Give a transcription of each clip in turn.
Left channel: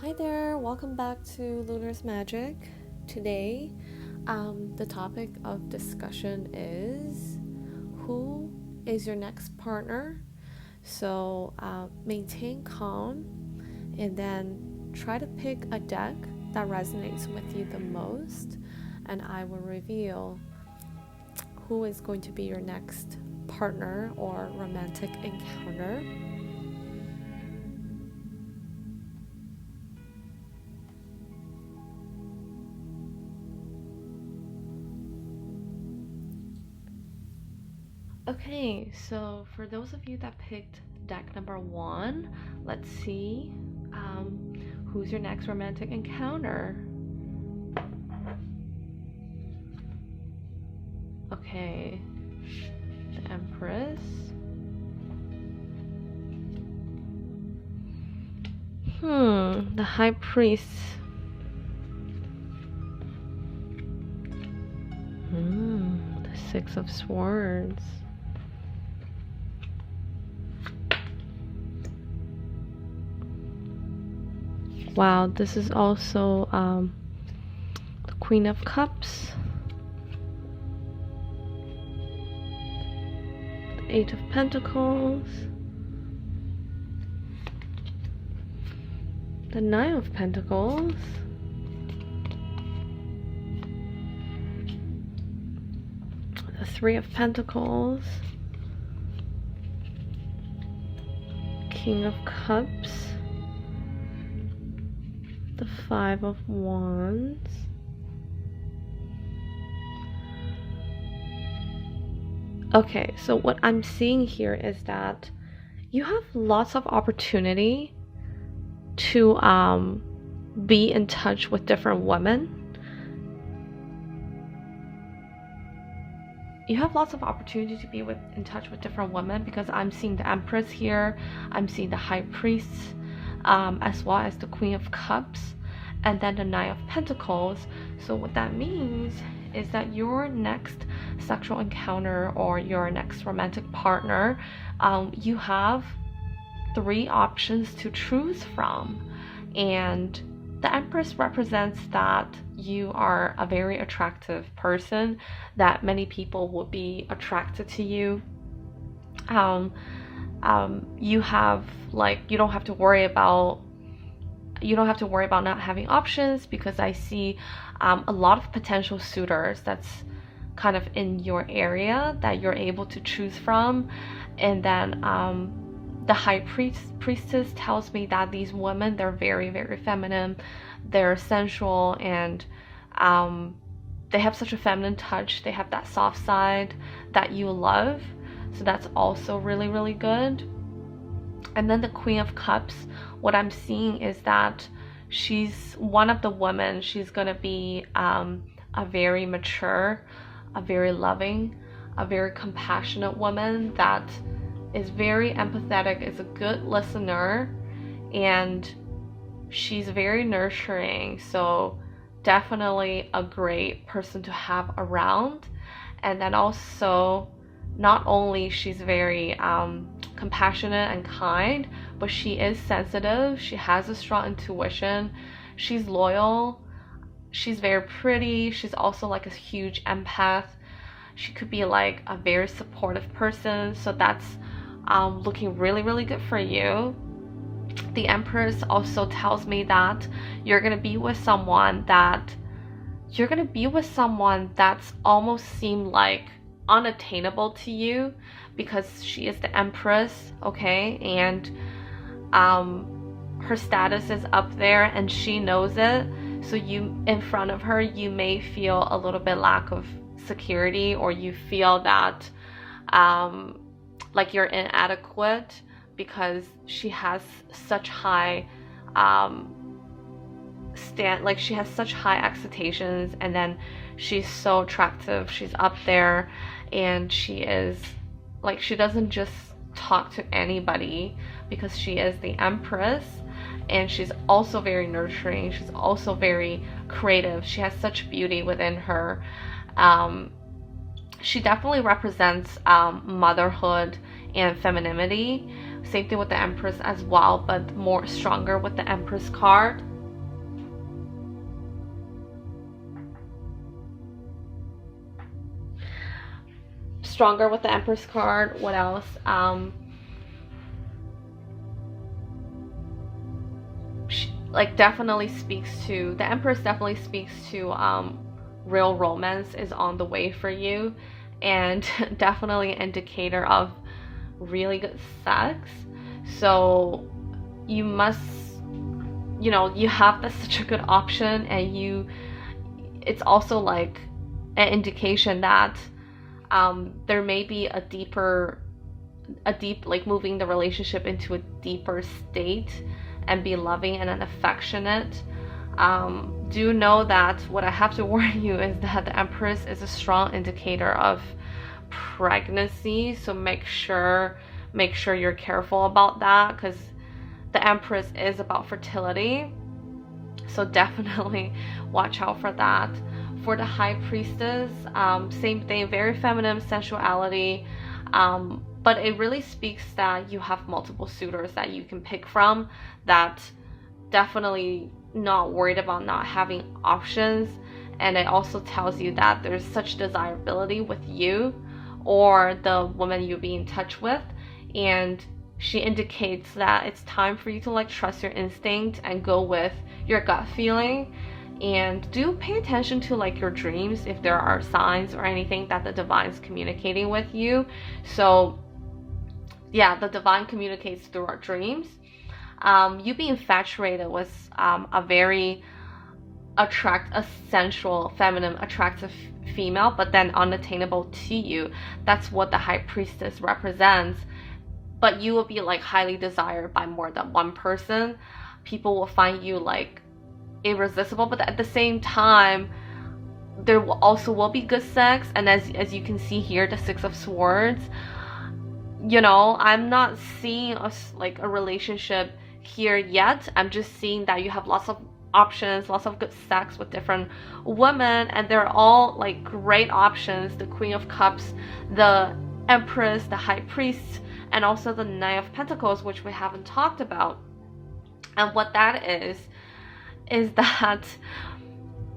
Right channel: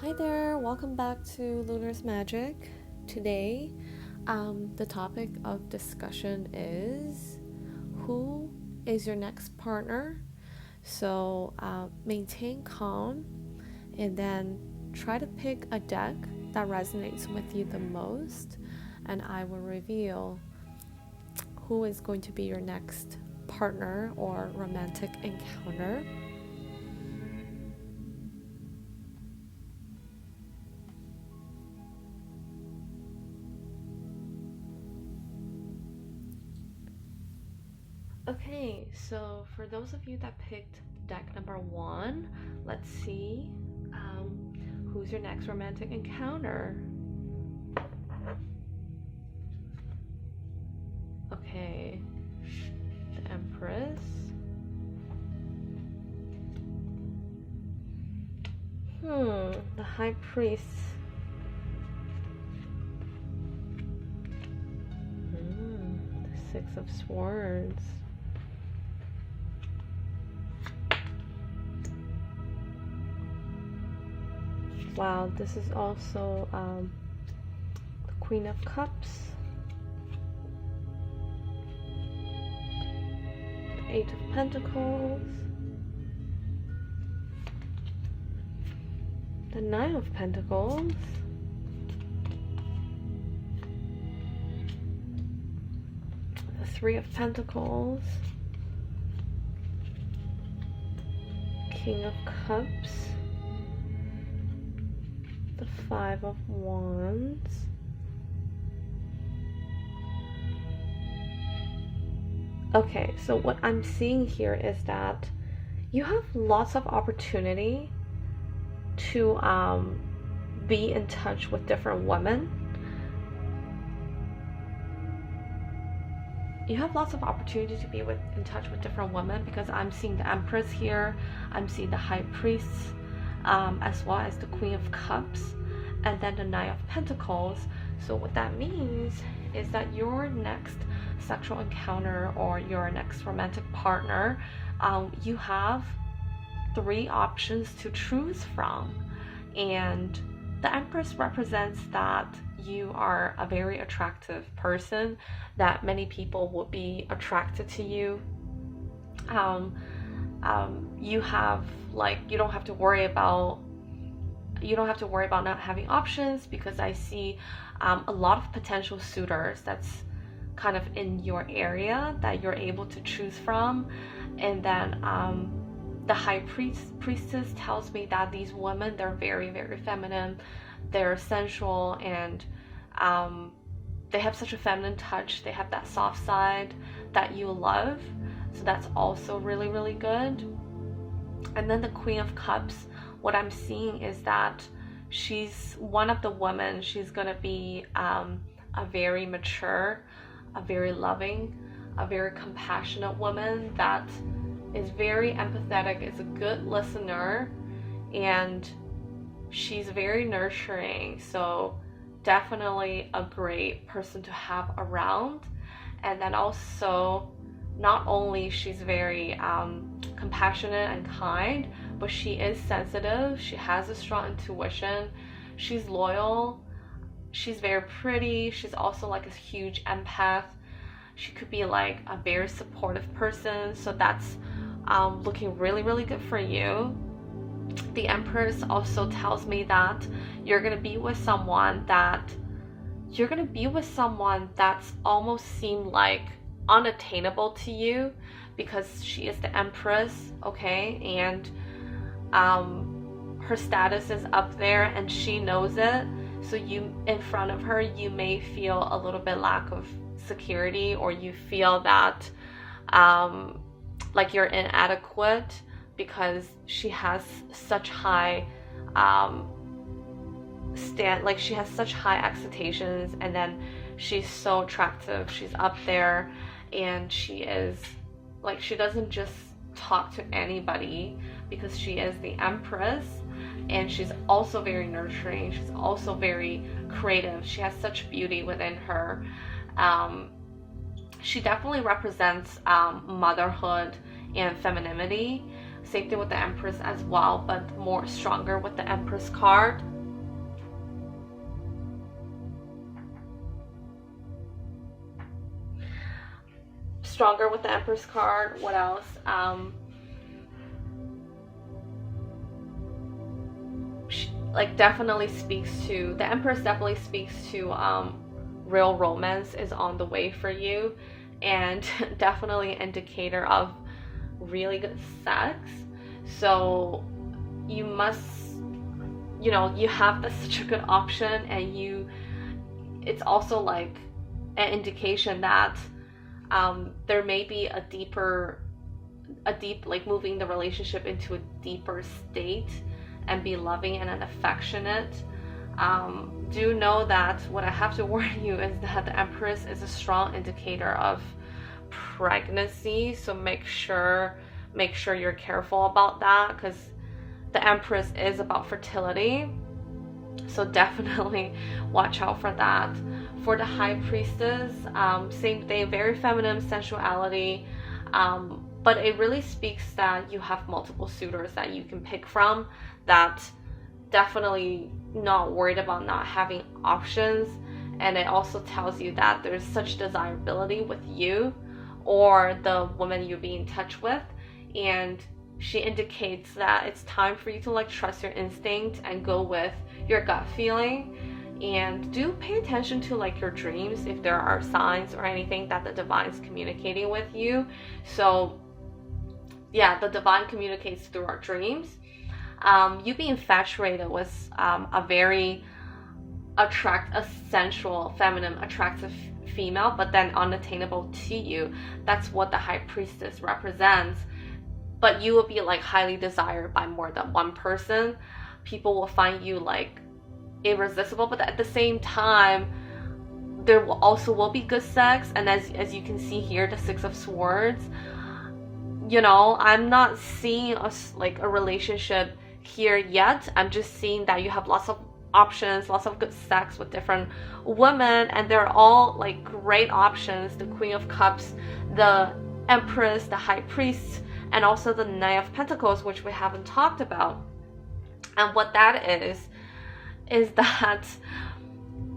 Hi there, welcome back to Lunar's Magic. Today, the topic of discussion is who is your next partner? So, maintain calm and then try to pick a deck that resonates with you the most, and I will reveal who is going to be your next partner or romantic encounter. Okay, so for those of you that picked deck number one, let's see who's your next romantic encounter. Okay, the Empress. The High Priest. The Six of Swords. Wow, this is also the Queen of Cups, the Eight of Pentacles, the Nine of Pentacles, the Three of Pentacles, King of Cups, the Five of Wands, okay, so what I'm seeing here is that you have lots of opportunity to be in touch with different women. You have lots of opportunity to be in touch with different women, because I'm seeing the Empress here, I'm seeing the High Priest, as well as the Queen of Cups, and then the Nine of Pentacles. So what that means is that your next sexual encounter or your next romantic partner, you have three options to choose from. And the Empress represents that you are a very attractive person, that many people would be attracted to you. You have, like, you don't have to worry about not having options, because I see a lot of potential suitors that's kind of in your area that you're able to choose from. And then the High Priestess tells me that these women, they're very, very feminine, they're sensual, and they have such a feminine touch. They have that soft side that you love. So that's also really, really good. And then the Queen of Cups, what I'm seeing is that she's one of the women. She's gonna be a very mature, a very loving, a very compassionate woman that is very empathetic, is a good listener, and she's very nurturing. So definitely a great person to have around. And then also, not only she's very compassionate and kind, but she is sensitive. She has a strong intuition. She's loyal. She's very pretty. She's also like a huge empath. She could be like a very supportive person. So that's looking really, really good for you. The Empress also tells me that you're gonna be with someone that's almost seem like unattainable to you, because she is the Empress, okay? And her status is up there and she knows it. So you, in front of her, you may feel a little bit lack of security, or you feel that like you're inadequate, because she has such high she has such high expectations, and then she's so attractive, she's up there, and she is like, she doesn't just talk to anybody, because she is the Empress, and she's also very nurturing, she's also very creative, she has such beauty within her. She definitely represents motherhood and femininity. Same thing with the Empress as well, but more stronger with the Empress card. Stronger with the Empress card. What else? Like definitely speaks to, the Empress definitely speaks to real romance is on the way for you, and definitely an indicator of really good sex. So you must, you know, you have this such a good option, and it's also like an indication that there may be a deep, like moving the relationship into a deeper state and be loving and affectionate. Do know that what I have to warn you is that the Empress is a strong indicator of pregnancy, so make sure you're careful about that, because the Empress is about fertility, so definitely watch out for that. For the High Priestess, same thing, very feminine sensuality, but it really speaks that you have multiple suitors that you can pick from, that definitely not worried about not having options. And it also tells you that there's such desirability with you or the woman you be in touch with, and she indicates that it's time for you to like trust your instinct and go with your gut feeling. And do pay attention to like your dreams, if there are signs or anything that the divine's communicating with you. So yeah, the divine communicates through our dreams. You being infatuated with a very a sensual, feminine, attractive female, but then unattainable to you. That's what the High Priestess represents. But you will be like highly desired by more than one person. People will find you like irresistible, but at the same time, there will be good sex. And as you can see here, the Six of Swords, you know, I'm not seeing a relationship here yet. I'm just seeing that you have lots of options, lots of good sex with different women, and they're all like great options. The Queen of Cups, the Empress, the High Priest, and also the Knight of Pentacles, which we haven't talked about. And what that is that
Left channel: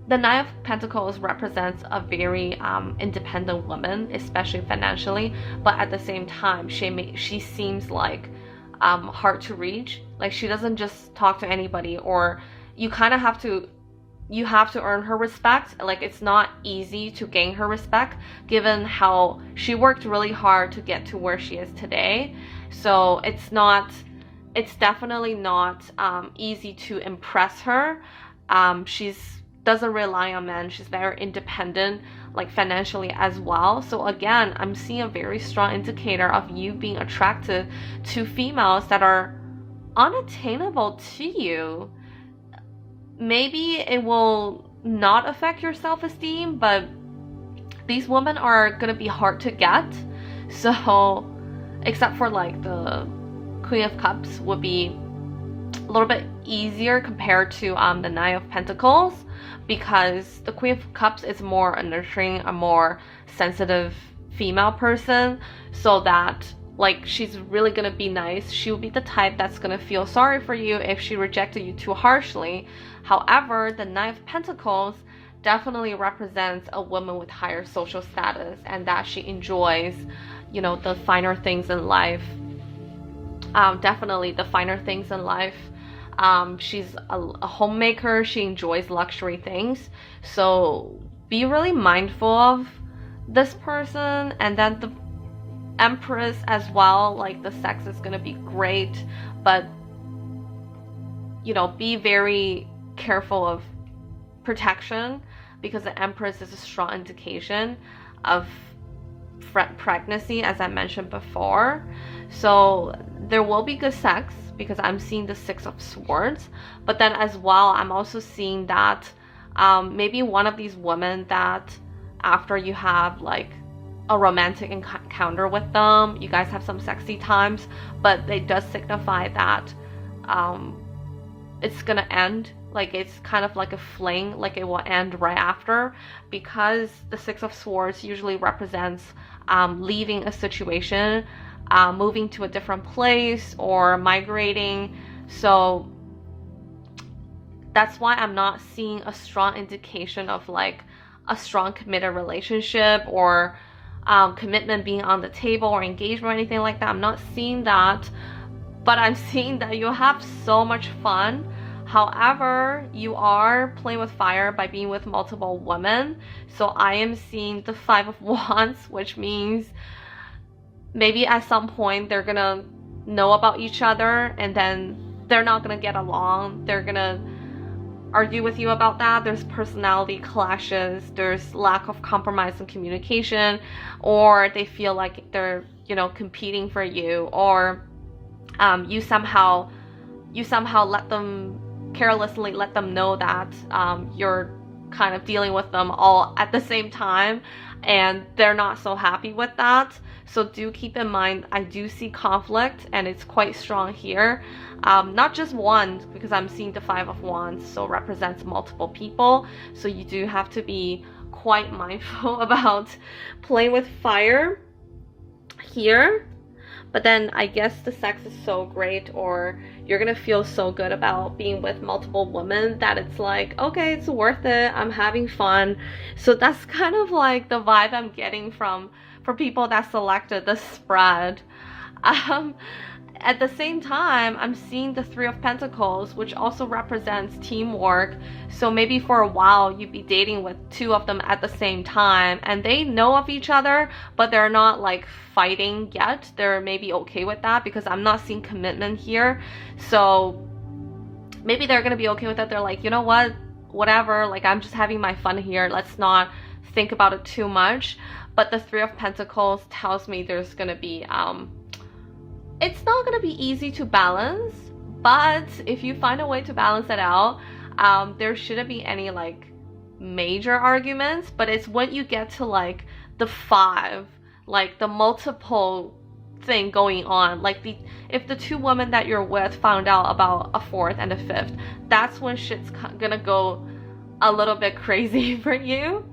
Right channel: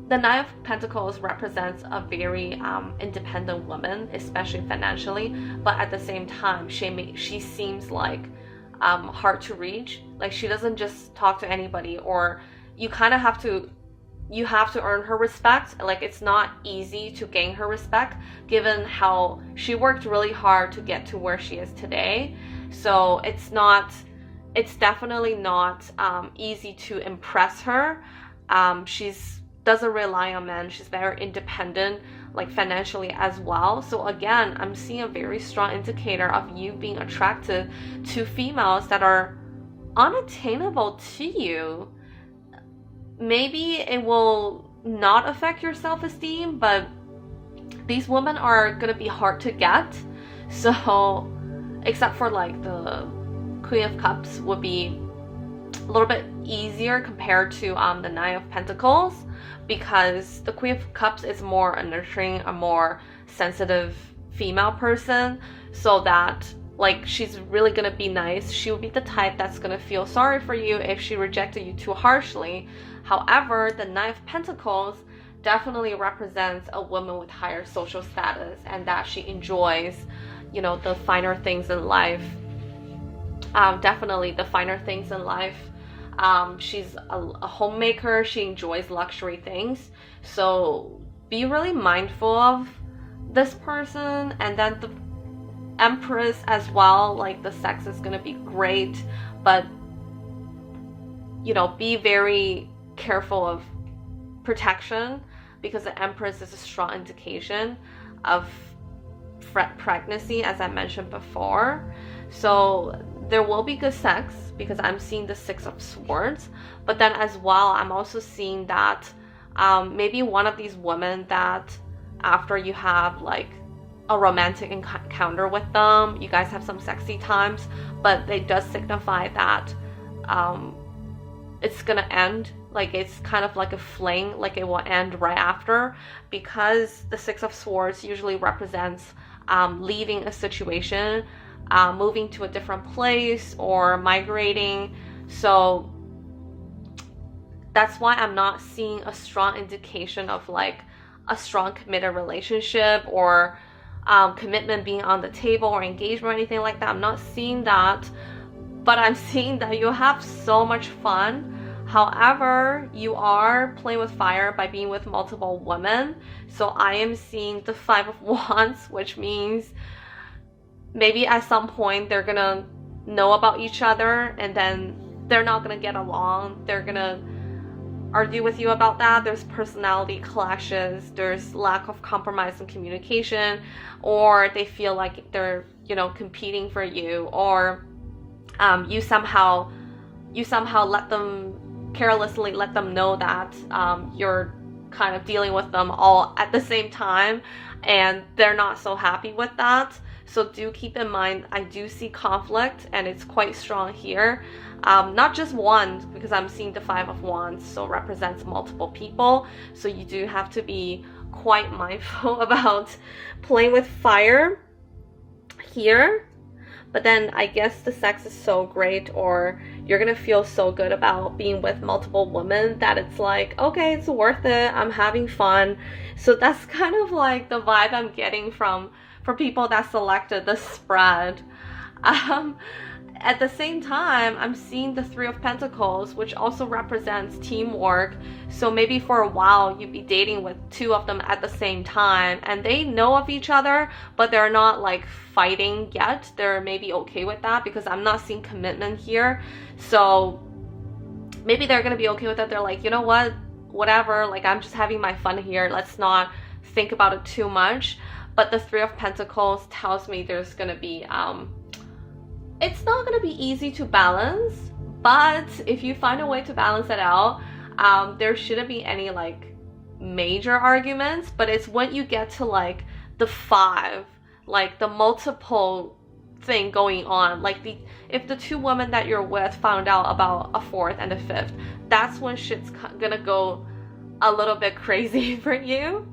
the Knight of Pentacles represents a very independent woman, especially financially, but at the same time, she seems like hard to reach. Like, she doesn't just talk to anybody, or you kind of have to earn her respect. Like, it's not easy to gain her respect, given how she worked really hard to get to where she is today. So it's definitely not easy to impress her. She's doesn't rely on men. She's very independent, like financially as well. So again, I'm seeing a very strong indicator of you being attracted to females that are unattainable to you. Maybe it will not affect your self-esteem, but these women are gonna be hard to get. So except for like the Queen of Cups would be a little bit easier compared to the Knight of Pentacles, because the Queen of Cups is more a nurturing, a more sensitive female person, so that like she's really gonna be nice. She will be the type that's gonna feel sorry for you if she rejected you too harshly. However, the Knight of Pentacles definitely represents a woman with higher social status, and that she enjoys, you know, the finer things in life. Definitely the finer things in life. She's a homemaker. She enjoys luxury things. So be really mindful of this person. And then the Empress as well. Like, the sex is going to be great, but, you know, be very careful of protection, because the Empress is a strong indication of pregnancy, as I mentioned before. So there will be good sex, because I'm seeing the Six of Swords, but then as well, I'm also seeing that maybe one of these women that after you have like a romantic encounter with them, you guys have some sexy times, but it does signify that it's gonna end. Like, it's kind of like a fling, like it will end right after, because the Six of Swords usually represents leaving a situation, moving to a different place or migrating. So that's why I'm not seeing a strong indication of like a strong committed relationship or commitment being on the table or engagement or anything like that. I'm not seeing that, but I'm seeing that you have so much fun. However, you are playing with fire by being with multiple women. So I am seeing the 5 of Wands, which means maybe at some point they're gonna know about each other and then they're not gonna get along. They're gonna argue with you about that. There's personality clashes, there's lack of compromise and communication, or they feel like they're, you know, competing for you, or you somehow let them carelessly let them know that you're kind of dealing with them all at the same time, and they're not so happy with that. So do keep in mind, I do see conflict, and it's quite strong here. Not just one, because I'm seeing the 5 of Wands, so represents multiple people. So you do have to be quite mindful about playing with fire here. But then I guess the sex is so great, or you're gonna feel so good about being with multiple women that it's like, okay, it's worth it. I'm having fun. So that's kind of like the vibe I'm getting for people that selected the spread. At the same time, I'm seeing the 3 of Pentacles, which also represents teamwork. So maybe for a while you'd be dating with 2 of them at the same time, and they know of each other, but they're not like fighting yet. They're maybe okay with that, because I'm not seeing commitment here. So maybe they're gonna be okay with it. They're like, you know what, whatever, like I'm just having my fun here. Let's not think about it too much. But the 3 of Pentacles tells me there's gonna be it's not going to be easy to balance, but if you find a way to balance it out, there shouldn't be any like major arguments. But it's when you get to like the 5, like the multiple thing going on, like if the 2 women that you're with found out about a 4th and a 5th, that's when shit's gonna go a little bit crazy for you.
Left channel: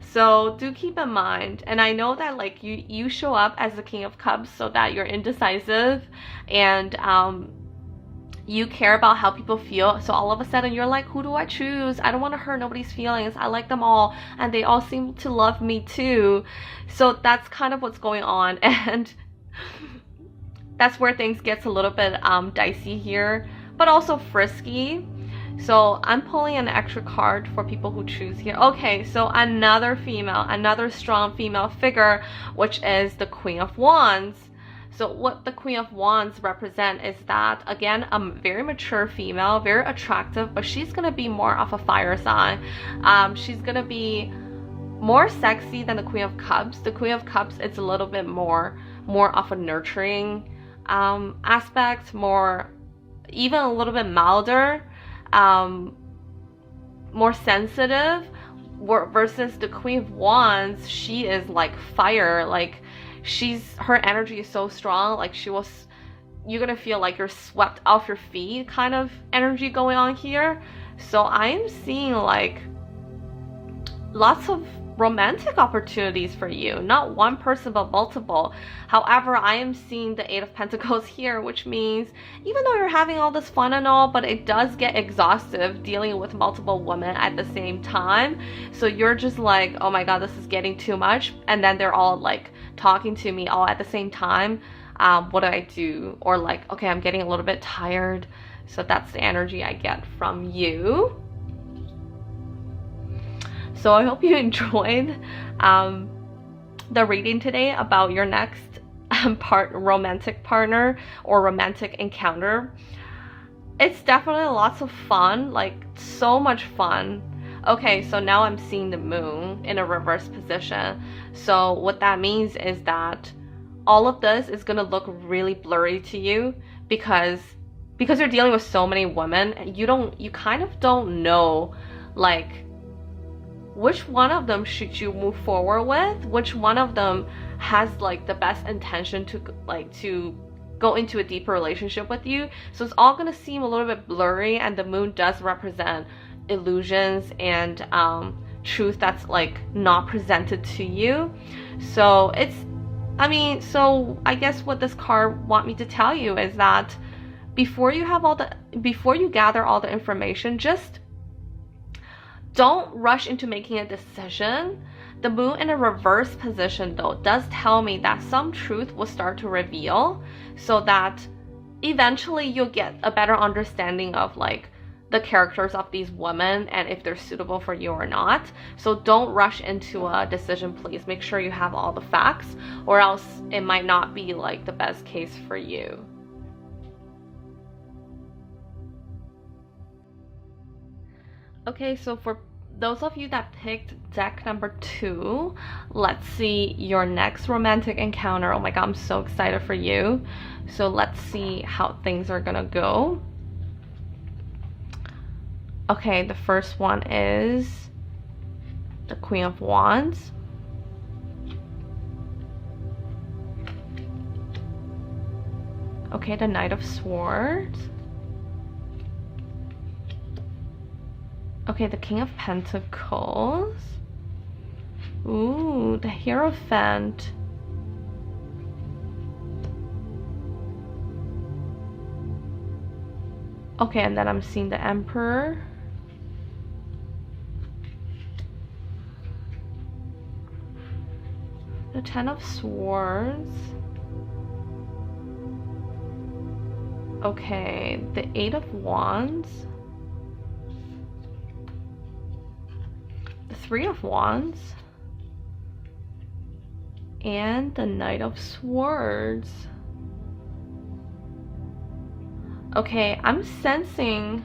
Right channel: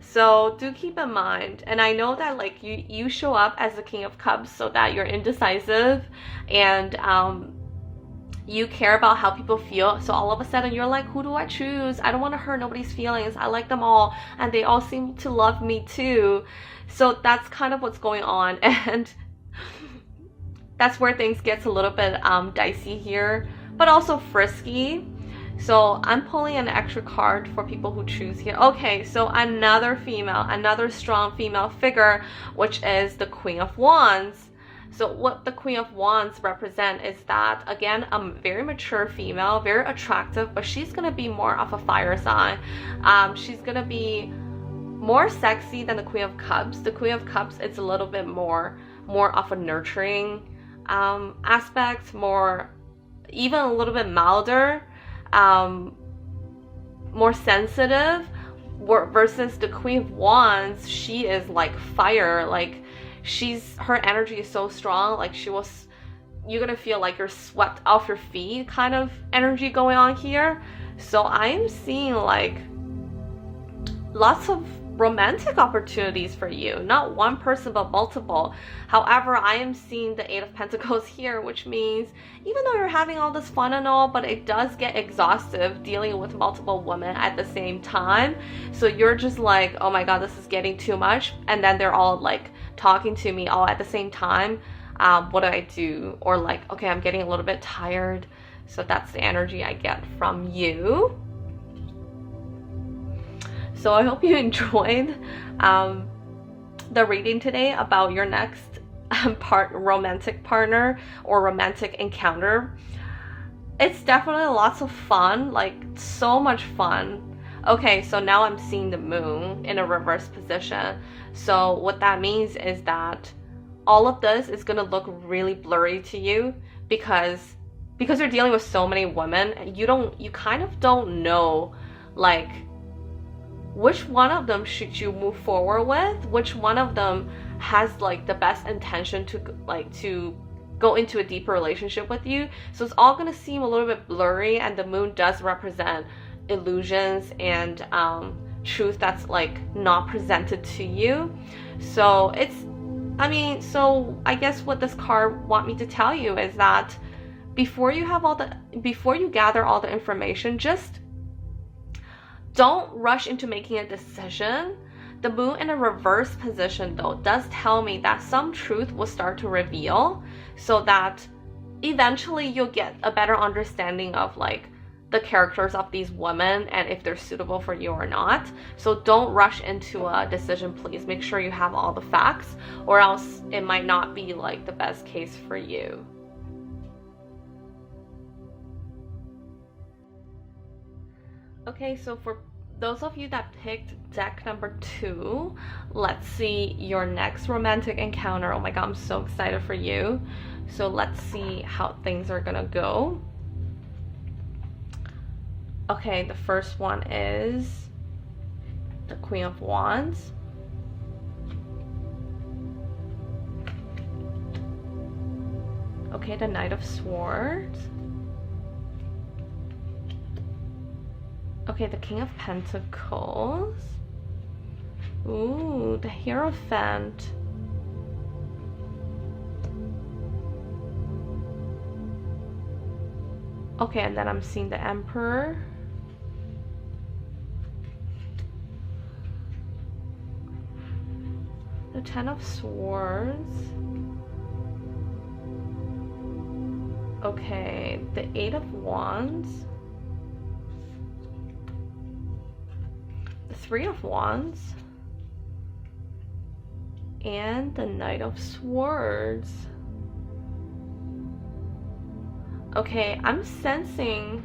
So do keep in mind, and I know that like you show up as the King of Cups so that you're indecisive, and you care about how people feel. So all of a sudden you're like, who do I choose? I don't want to hurt nobody's feelings. I like them all, and they all seem to love me too. So that's kind of what's going on, and that's where things gets a little bit dicey here, but also frisky. So I'm pulling an extra card for people who choose here. Okay, so another strong female figure, which is the Queen of Wands. So what the Queen of Wands represent is that, again, a very mature female, very attractive, but she's going to be more of a fire sign. She's going to be more sexy than the Queen of Cups. The Queen of Cups is a little bit more of a nurturing aspect, even a little bit milder, more sensitive, versus the Queen of Wands. She is like fire. Like her energy is so strong. Like you're gonna feel like you're swept off your feet kind of energy going on here. So I'm seeing like lots of romantic opportunities for you, not one person but multiple. However, I am seeing the 8 of Pentacles here, which means even though you're having all this fun and all, but it does get exhaustive dealing with multiple women at the same time. So you're just like, oh my god, this is getting too much, and then they're all like talking to me all at the same time. What do I do? Or like, okay, I'm getting a little bit tired. So that's the energy I get from you. So I hope you enjoyed the reading today about your next romantic partner or romantic encounter. It's definitely lots of fun, like so much fun. Okay, so now I'm seeing the moon in a reverse position. So what that means is that all of this is going to look really blurry to you because you're dealing with so many women, and you kind of don't know like which one of them should you move forward with, which one of them has like the best intention to go into a deeper relationship with you. So it's all going to seem a little bit blurry, and the moon does represent illusions and truth that's like not presented to you. So I mean, so I guess what this card want me to tell you is that before you gather all the information, just don't rush into making a decision. The moon in a reverse position though does tell me that some truth will start to reveal, so that eventually you'll get a better understanding of like the characters of these women and if they're suitable for you or not. So don't rush into a decision, please. Make sure you have all the facts, or else it might not be like the best case for you. Okay, so for those of you that picked deck number 2, let's see your next romantic encounter. Oh my god, I'm so excited for you. So let's see how things are gonna go. Okay, the first one is the Queen of Wands. Okay, the Knight of Swords. Okay, the King of Pentacles. Ooh, the Hierophant. Okay, and then I'm seeing the Emperor. The Ten of Swords. Okay, the Eight of Wands. The Three of Wands. And the Knight of Swords. Okay, I'm sensing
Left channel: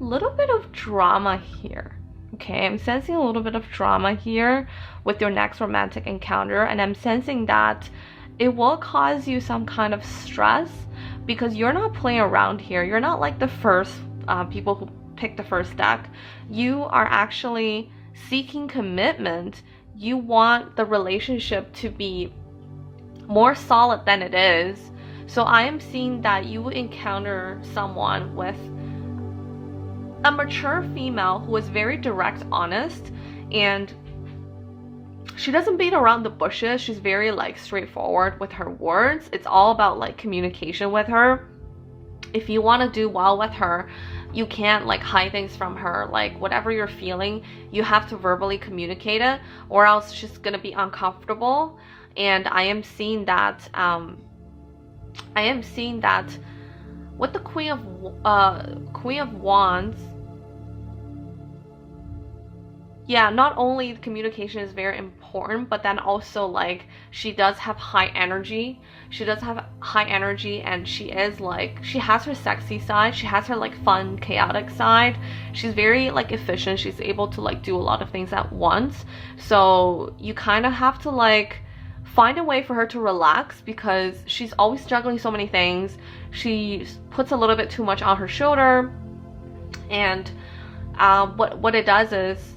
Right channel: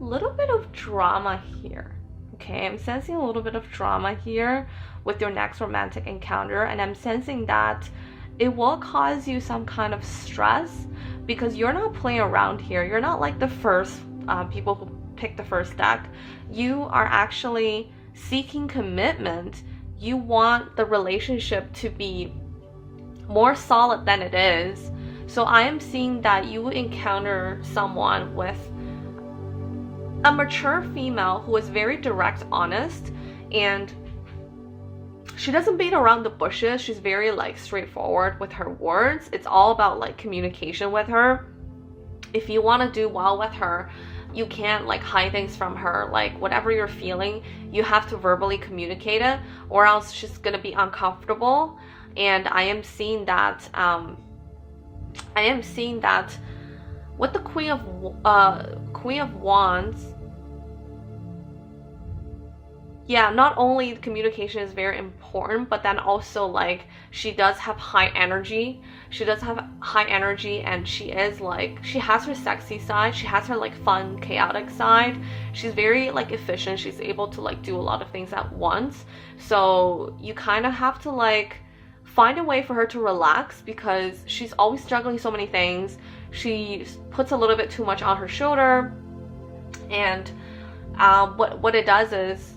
a little bit of drama here. Okay, I'm sensing a little bit of drama here with your next romantic encounter, and I'm sensing that it will cause you some kind of stress because you're not playing around here. You're not like the first people who picked the first deck. You are actually seeking commitment. You want the relationship to be more solid than it is. So I am seeing that you will encounter someone with a mature female who is very direct, honest, and she doesn't beat around the bushes. She's very like straightforward with her words. It's all about like communication with her. If you want to do well with her, you can't like hide things from her. Like whatever you're feeling, you have to verbally communicate it, or else she's gonna be uncomfortable. And I am seeing that with the Queen of Wands. Yeah, not only communication is very important, but then also like she does have high energy. She does have high energy, and she is like, she has her sexy side. She has her like fun, chaotic side. She's very like efficient. She's able to like do a lot of things at once. So you kind of have to like find a way for her to relax because she's always juggling so many things. She puts a little bit too much on her shoulder, and what it does is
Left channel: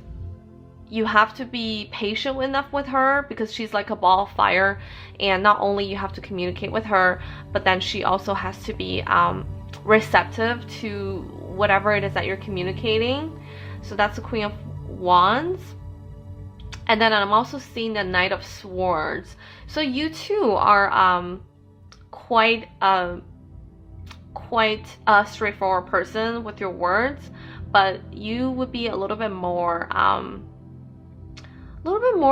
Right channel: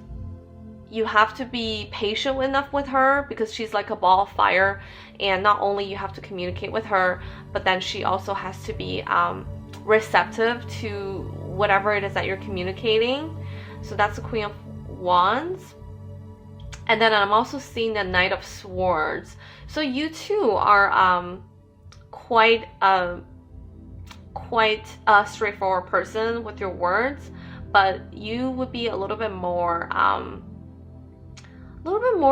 you have to be patient enough with her because she's like a ball of fire, and not only you have to communicate with her, but then she also has to be receptive to whatever it is that you're communicating. So that's the Queen of Wands. And then I'm also seeing the Knight of Swords. So you too are quite a straightforward person with your words, but you would be a little bit more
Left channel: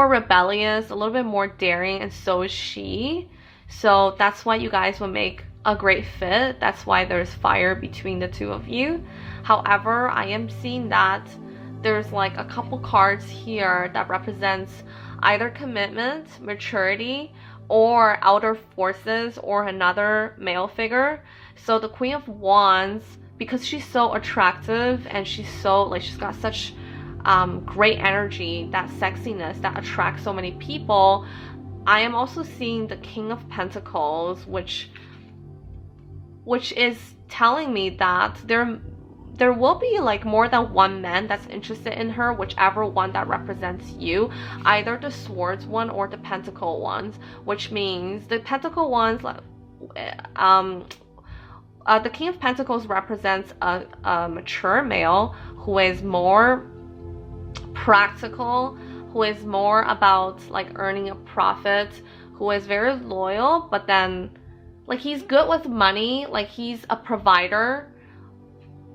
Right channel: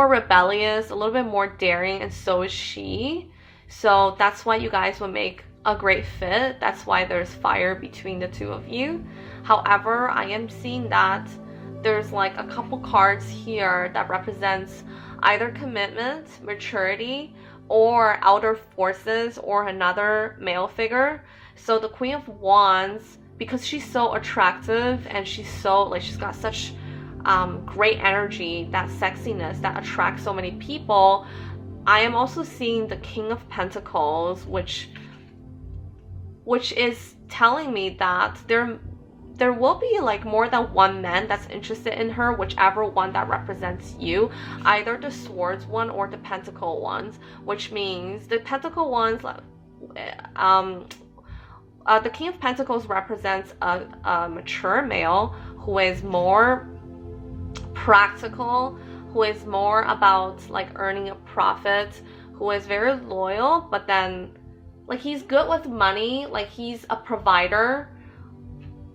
rebellious, a little bit more daring, and so is she. So that's why you guys will make a great fit. That's why there's fire between the two of you. However, I am seeing that there's like a couple cards here that represents either commitment, maturity, or outer forces, or another male figure. So the Queen of Wands, because she's so attractive and she's so like, she's got such great energy, that sexiness that attracts so many people. I am also seeing the King of Pentacles, which is telling me that there will be like more than one man that's interested in her, whichever one that represents you, either the Swords one or the Pentacle ones, which means the Pentacle ones, the King of Pentacles represents a mature male who is more practical, who is more about like earning a profit, who is very loyal, but then like he's good with money, like he's a provider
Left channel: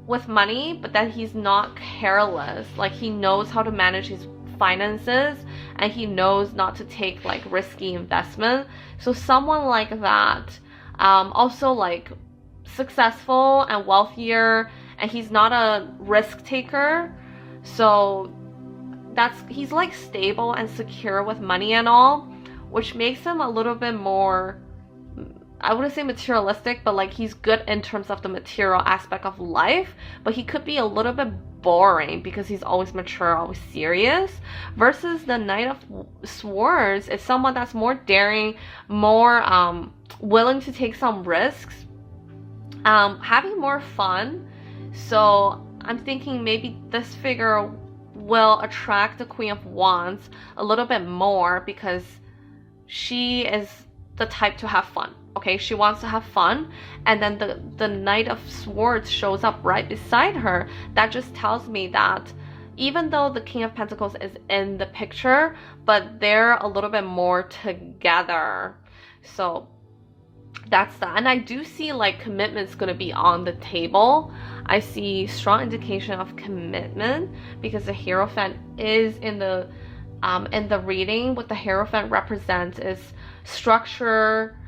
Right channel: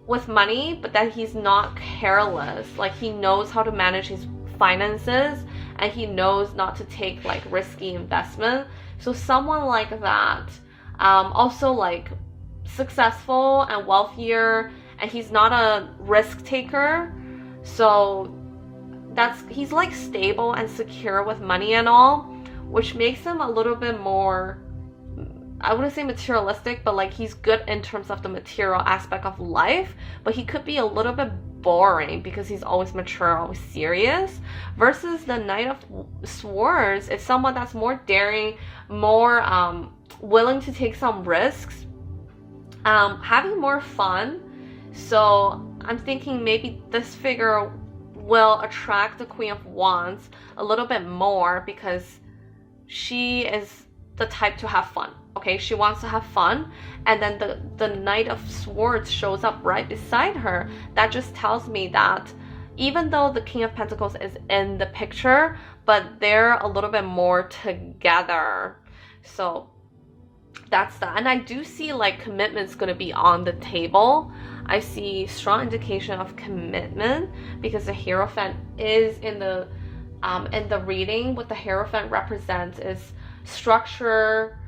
with money, but then he's not careless. Like he knows how to manage his finances, and he knows not to take like risky investment. So someone like that, also like successful and wealthier, and he's not a risk taker. So he's like stable and secure with money and all, which makes him a little bit more, I wouldn't say materialistic, but like he's good in terms of the material aspect of life, but he could be a little bit boring because he's always mature, always serious. Versus the Knight of Swords is someone that's more daring, more willing to take some risks, having more fun. So I'm thinking maybe this figure will attract the Queen of Wands a little bit more because she is the type to have fun. Okay, she wants to have fun, and then the Knight of Swords shows up right beside her. That just tells me that even though the King of Pentacles is in the picture, but they're a little bit more together. So that's that. And I do see like commitment's gonna be on the table. I see strong indication of commitment because the Hierophant is in the reading. What the Hierophant represents is structure,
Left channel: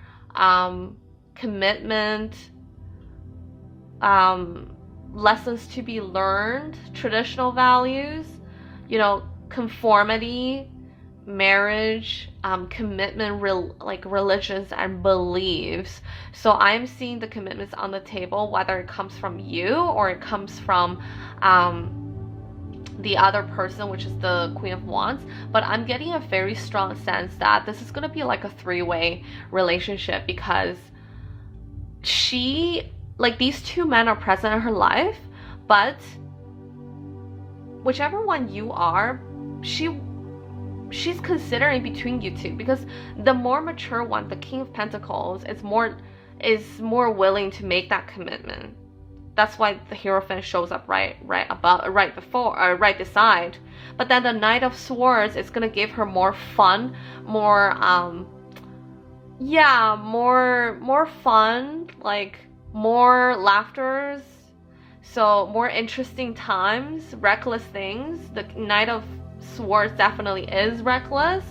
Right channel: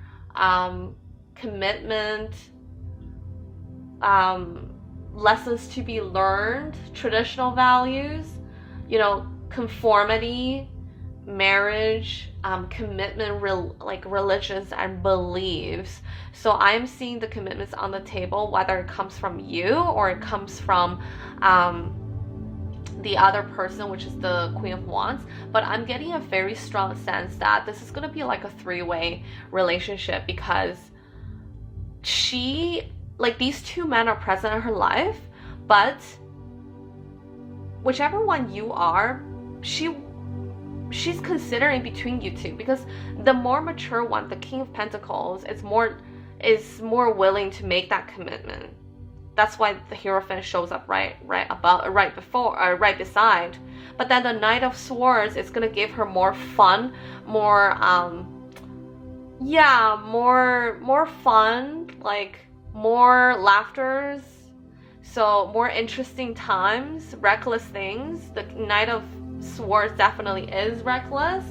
commitment, lessons to be learned, traditional values, you know, conformity, marriage, commitment, like religions and beliefs. So I'm seeing the commitments on the table, whether it comes from you or it comes from the other person, which is the Queen of Wands. But I'm getting a very strong sense that this is going to be like a three-way relationship, because these two men are present in her life, but whichever one you are, she's considering between you two, because the more mature one, the King of Pentacles, is more willing to make that commitment. That's why the Hierophant shows up right beside. But then the Knight of Swords is gonna give her more fun, more fun, like more laughters, so more interesting times, reckless things. The Knight of Swords definitely is reckless.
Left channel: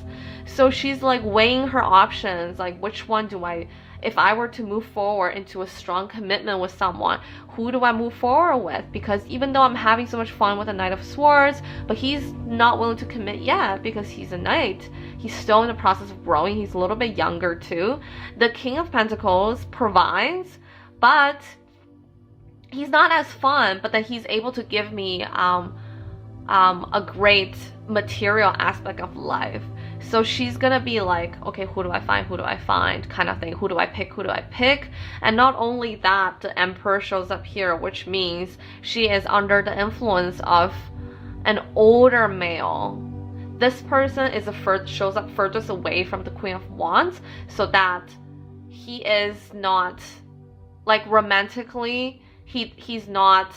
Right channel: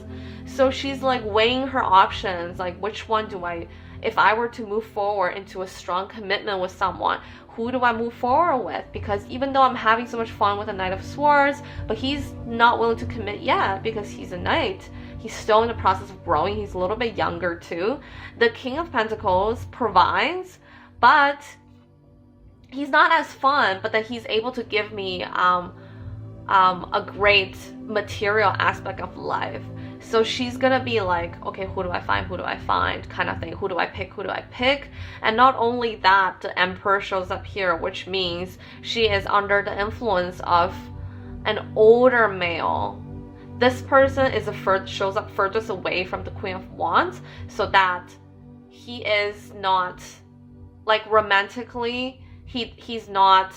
So she's like weighing her options, like which one do I, if I were to move forward into a strong commitment with someone, who do I move forward with? Because even though I'm having so much fun with the Knight of Swords, but he's not willing to commit yet because he's a knight. He's still in the process of growing. He's a little bit younger too. The King of Pentacles provides, but he's not as fun, but then he's able to give me a great material aspect of life. So she's gonna be like, okay, who do I find kind of thing. Who do I pick? And not only that, the Emperor shows up here, which means she is under the influence of an older male. This person shows up furthest away from the Queen of Wands, so that he is not, like romantically, he's not,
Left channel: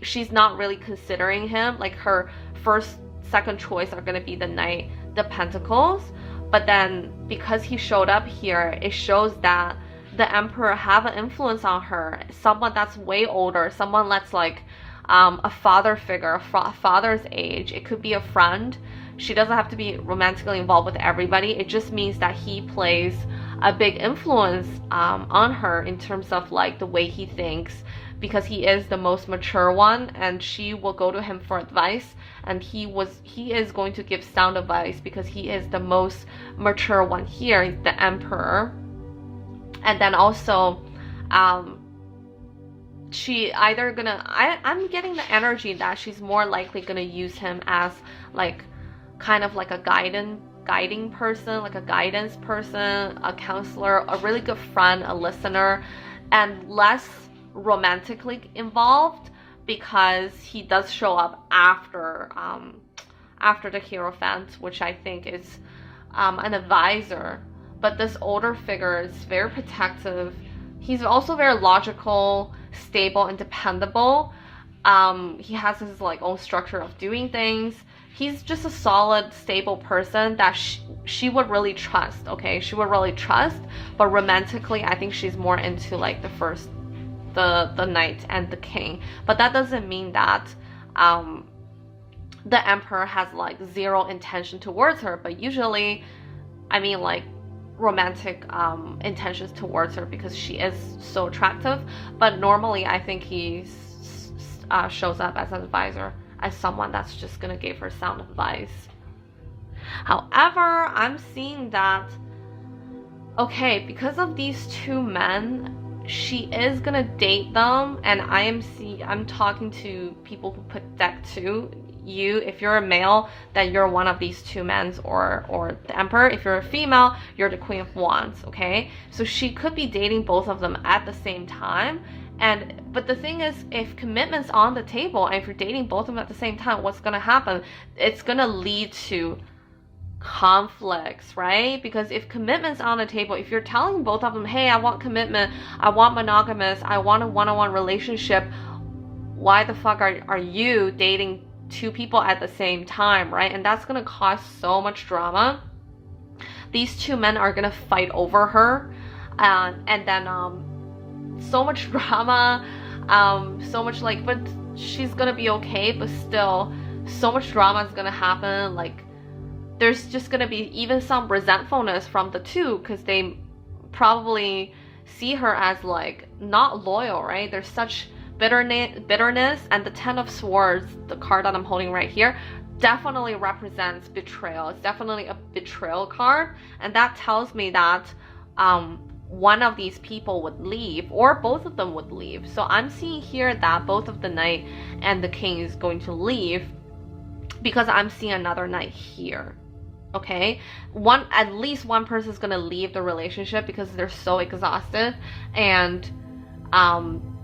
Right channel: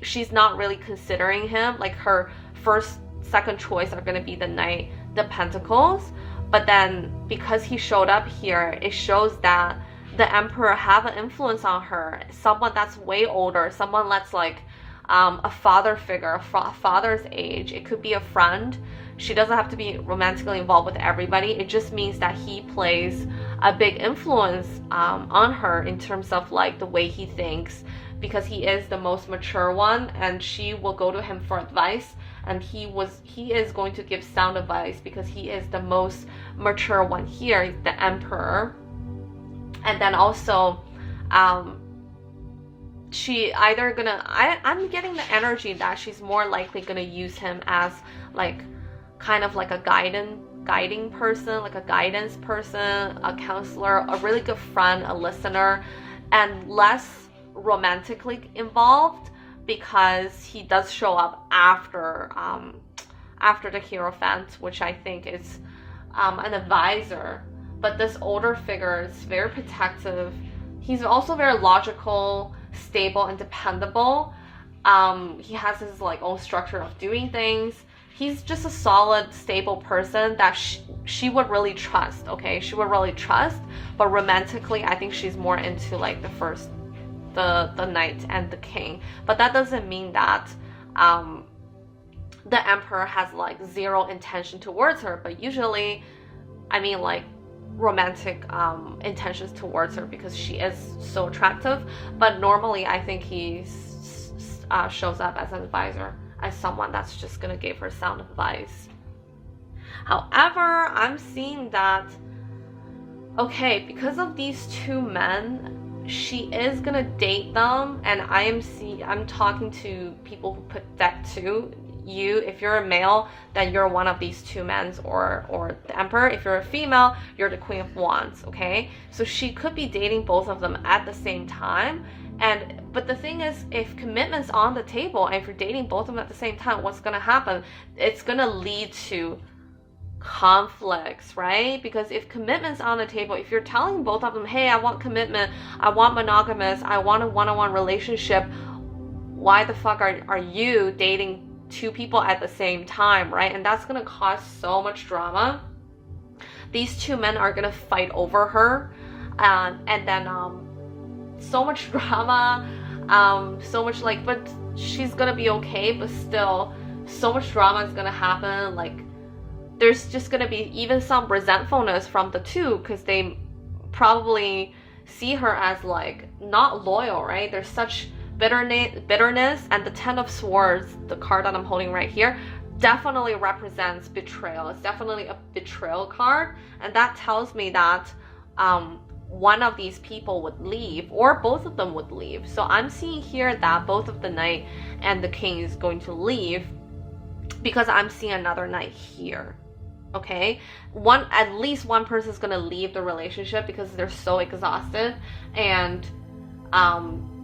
she's not really considering him. Like her second choice are gonna be the Pentacles. But then because he showed up here, it shows that the Emperor have an influence on her, someone that's way older, someone that's like a father figure, a father's age. It could be a friend. She doesn't have to be romantically involved with everybody. It just means that he plays a big influence on her in terms of like the way he thinks, because he is the most mature one, and she will go to him for advice, and he is going to give sound advice because he is the most mature one here, the Emperor. And then also she either gonna, I'm getting the energy that she's more likely gonna use him as like kind of like a guiding person, like a guidance person, a counselor, a really good friend, a listener, and less romantically involved, because he does show up after the Hierophant, which I think is an advisor. But this older figure is very protective. He's also very logical, stable, and dependable. He has his like own structure of doing things. he's just a solid, stable person that she would really trust, okay? She would really trust, but romantically, I think she's more into like the knight and the king. But that doesn't mean that the emperor has like zero intention towards her, but usually, I mean, like romantic intentions towards her because she is so attractive. But normally, I think he shows up as an advisor, as someone that's just gonna give her sound advice. However, I'm seeing that, okay, because of these two men, she is gonna date them, and I'm talking to people who put deck 2. You, if you're a male, then you're one of these two men, or the emperor. If you're a female, you're the queen of wands, okay? So she could be dating both of them at the same time. But the thing is, if commitment's on the table, and if you're dating both of them at the same time, what's gonna happen? It's gonna lead to conflicts, right? Because if commitment's on the table, if you're telling both of them, hey, I want commitment, I want monogamous, I want a one-on-one relationship, why the fuck are you dating two people at the same time, right? And that's gonna cause so much drama. These two men are gonna fight over her, and then so much drama, so much like, but she's gonna be okay, but still so much drama is gonna happen. Like there's just gonna be even some resentfulness from the two, because they probably see her as like not loyal, right? There's such bitterness, and the Ten of Swords, the card that I'm holding right here, definitely represents betrayal. It's definitely a betrayal card, and that tells me that one of these people would leave, or both of them would leave. So I'm seeing here that both of the knight and the king is going to leave, because I'm seeing another knight here. Okay, at least one person is gonna leave the relationship because they're so exhausted, and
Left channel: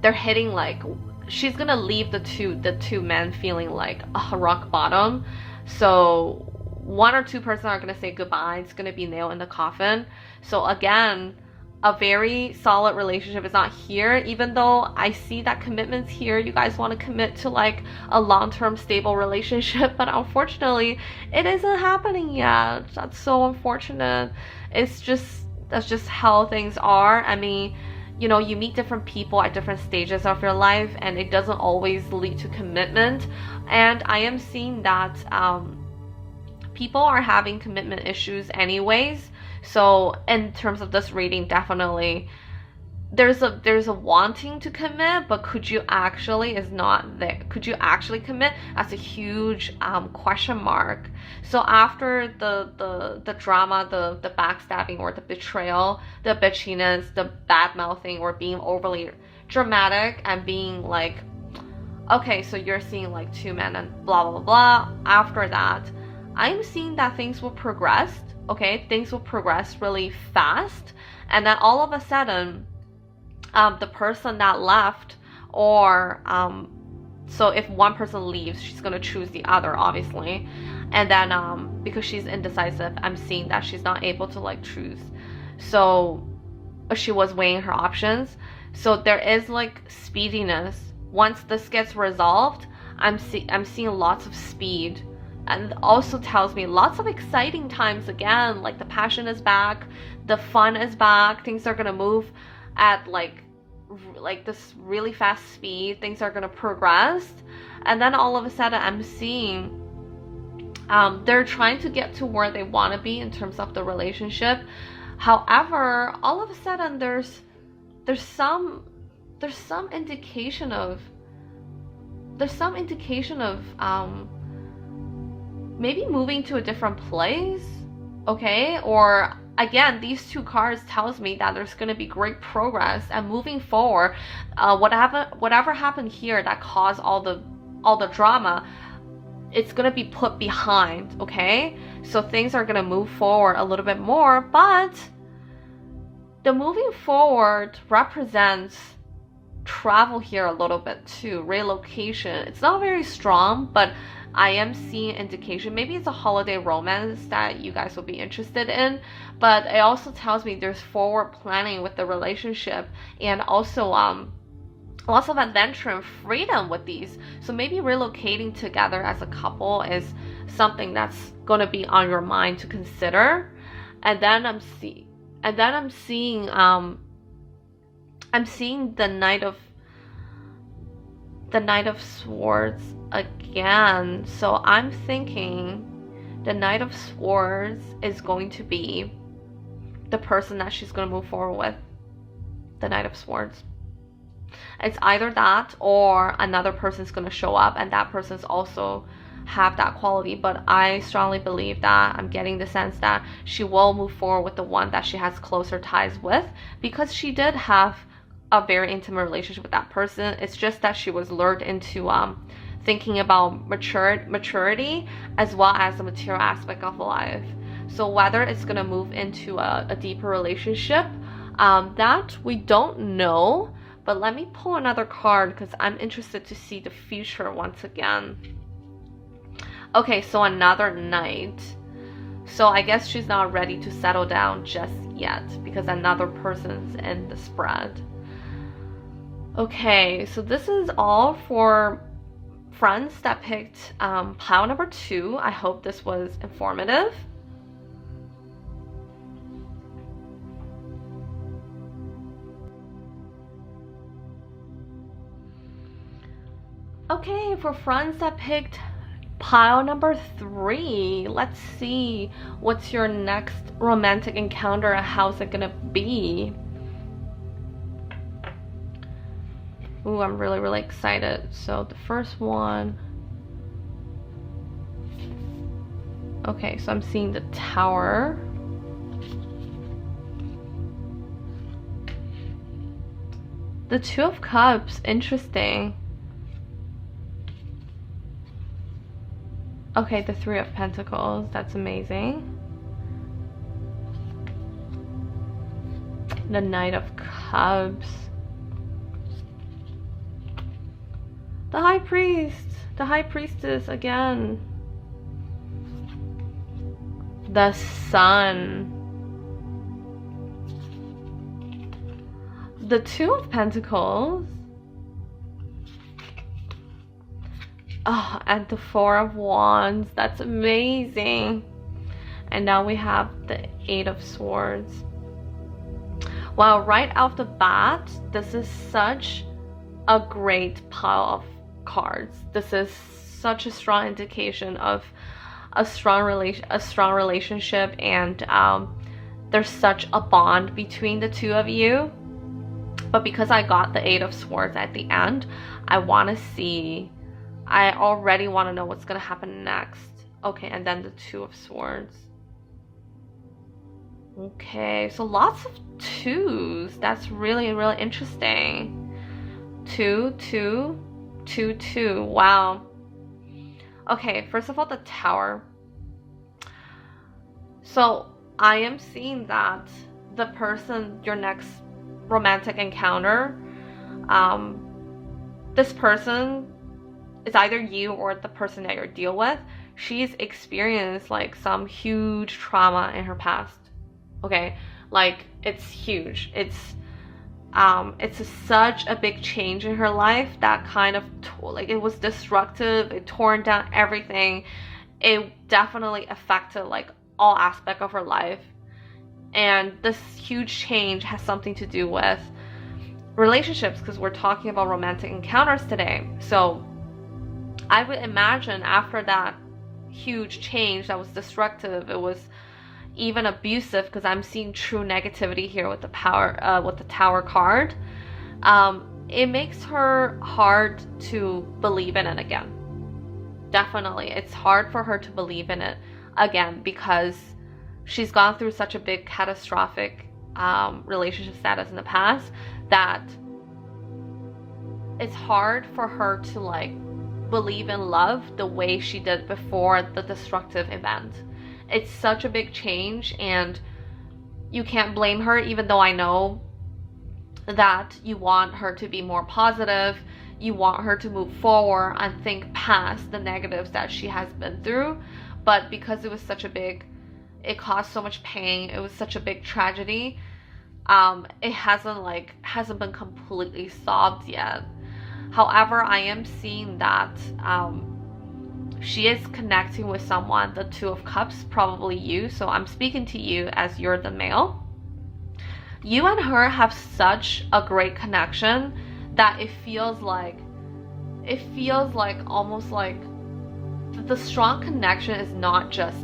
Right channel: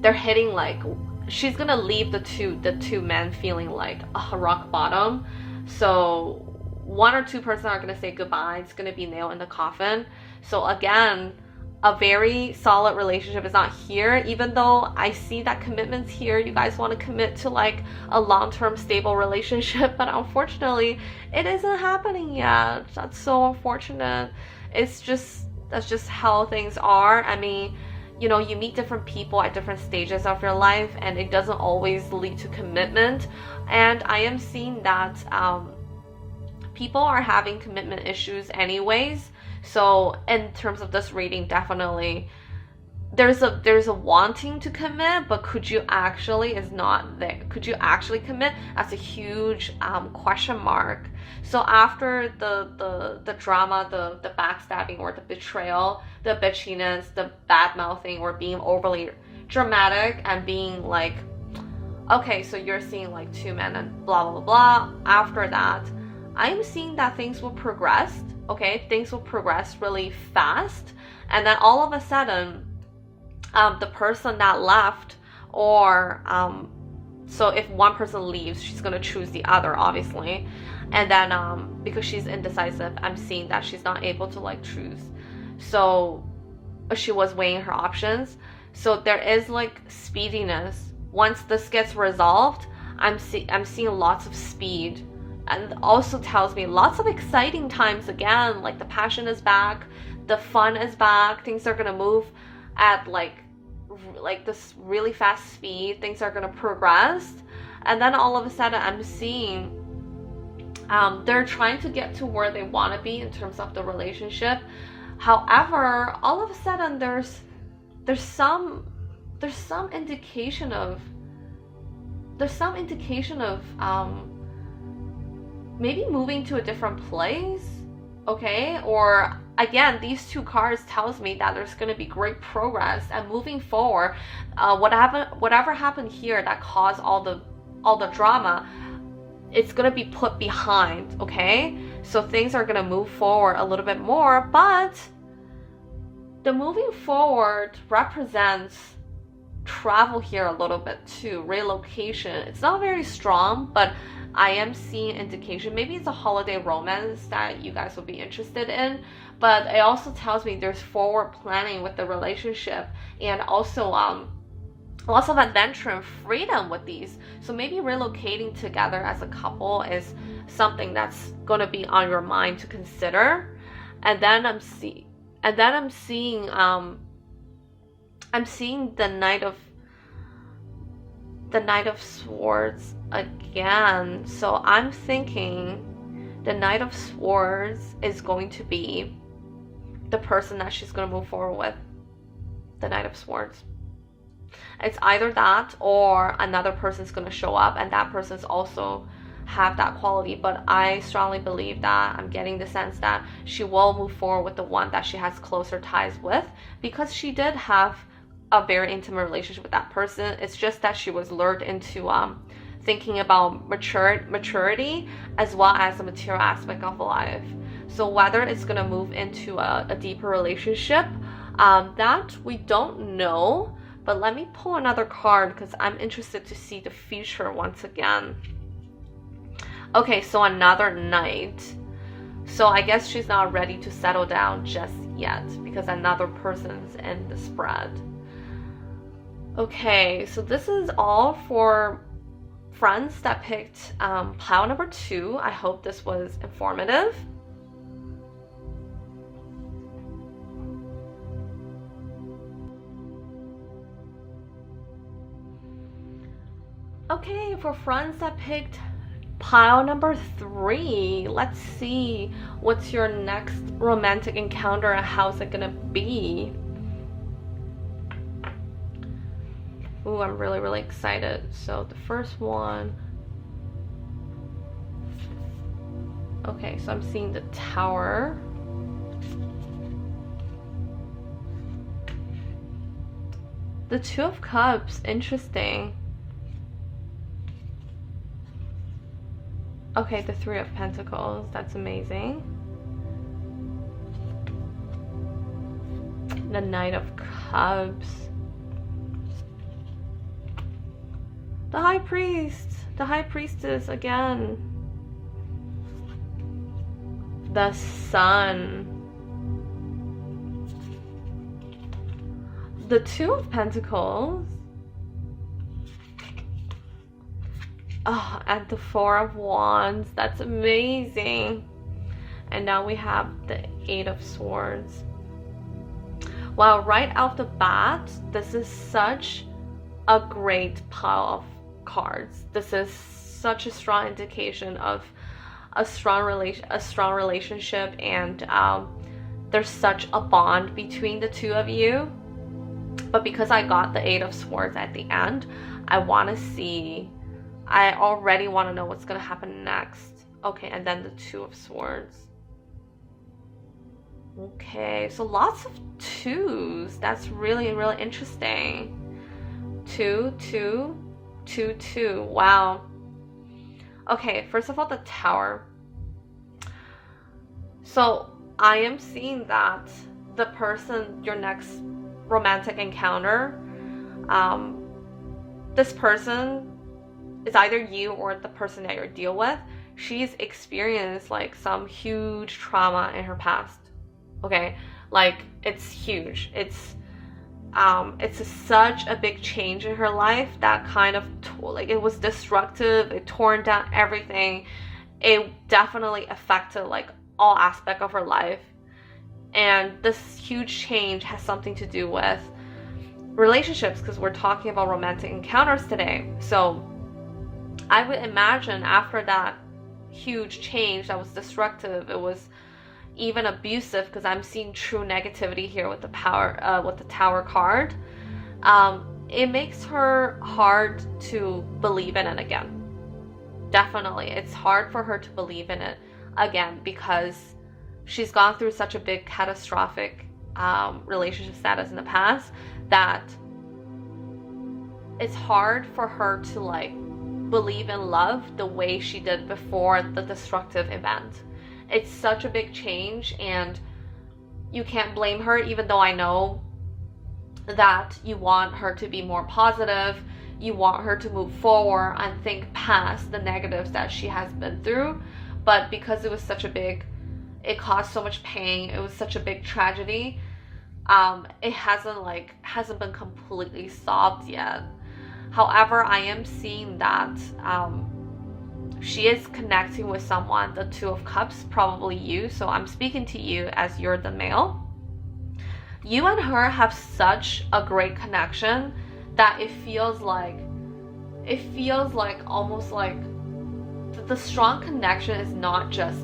they're hitting like, she's gonna leave the two men feeling like a rock bottom. So one or two person are gonna say goodbye. It's gonna be nail in the coffin. So again, a very solid relationship is not here, even though I see that commitment's here. You guys want to commit to like a long-term stable relationship, but unfortunately it isn't happening yet. That's so unfortunate. That's just how things are. I mean, you know, you meet different people at different stages of your life, and it doesn't always lead to commitment. And I am seeing that people are having commitment issues anyways. So in terms of this reading, definitely there's a wanting to commit, but could you actually is not there. Could you actually commit? That's a huge question mark. So after the drama, the backstabbing or the betrayal, the bitchiness, the bad mouthing, or being overly dramatic and being like, okay, so you're seeing like two men and blah blah blah blah. After that, I'm seeing that things will progress. Okay, things will progress really fast, and then all of a sudden, the person that left, or so if one person leaves, she's gonna choose the other, obviously, and then because she's indecisive, I'm seeing that she's not able to like choose. So she was weighing her options. So there is like speediness. Once this gets resolved, I'm seeing lots of speed. And also tells me lots of exciting times again, like the passion is back, the fun is back, things are gonna move at like this really fast speed, things are gonna progress. And then all of a sudden I'm seeing they're trying to get to where they want to be in terms of the relationship. However, all of a sudden there's some indication of maybe moving to a different place, okay? Or again, these two cards tells me that there's going to be great progress and moving forward. Whatever happened here that caused all the drama, it's going to be put behind, okay? So things are going to move forward a little bit more, but the moving forward represents travel here a little bit too, relocation. It's not very strong, but I am seeing indication. Maybe it's a holiday romance that you guys will be interested in, but it also tells me there's forward planning with the relationship, and also lots of adventure and freedom with these. So maybe relocating together as a couple is something that's going to be on your mind to consider. And then I'm seeing the Knight of Swords again. So I'm thinking the Knight of Swords is going to be the person that she's going to move forward with. The Knight of Swords. It's either that or another person's going to show up and that person's also have that quality. But I strongly believe that I'm getting the sense that she will move forward with the one that she has closer ties with, because she did have a very intimate relationship with that person. It's just that she was lured into thinking about maturity as well as the material aspect of life. So whether it's going to move into a deeper relationship, that we don't know. But let me pull another card because I'm interested to see the future once again. Okay, so another Knight. So I guess she's not ready to settle down just yet because another person's in the spread. Okay, so this is all for friends that picked pile number 2. I hope this was informative. Okay, for friends that picked pile number 3, let's see what's your next romantic encounter and how's it gonna be. Ooh, I'm really excited. So the first one. Okay, so I'm seeing the Tower. The Two of Cups, interesting. Okay, the Three of Pentacles, that's amazing. The Knight of Cups. The High Priest, the High Priestess again. The Sun. The Two of Pentacles. Oh, and the Four of Wands. That's amazing. And now we have the Eight of Swords. Wow, right off the bat, this is such a great pile of cards. This is such a strong indication of a strong relationship, and there's such a bond between the two of you. But because I got the Eight of Swords at the end, I already want to know what's gonna happen next. Okay, and then the Two of Swords. Okay, so lots of twos. That's really interesting. 2, 2, 2, 2. Wow. Okay, first of all, the Tower. So I am seeing that the person, your next romantic encounter, this person is either you or the person that you're dealing with. She's experienced like some huge trauma in her past. Okay, like it's huge. It's such a big change in her life that kind of it was destructive. It torn down everything. It definitely affected like all aspects of her life. And this huge change has something to do with relationships, because we're talking about romantic encounters today. So I would imagine after that huge change that was destructive, it was even abusive, because I'm seeing true negativity here with the Tower card. It makes her hard to believe in it again. Definitely, it's hard for her to believe in it again because she's gone through such a big catastrophic relationship status in the past that it's hard for her to like believe in love the way she did before the destructive event. It's such a big change, and you can't blame her, even though I know that you want her to be more positive. You want her to move forward and think past the negatives that she has been through. But because it was such a big, it caused so much pain, it was such a big tragedy, it hasn't been completely solved yet. However, I am seeing that she is connecting with someone, the Two of Cups, probably you. So I'm speaking to you as you're the male. You and her have such a great connection that it feels like almost like the strong connection is not just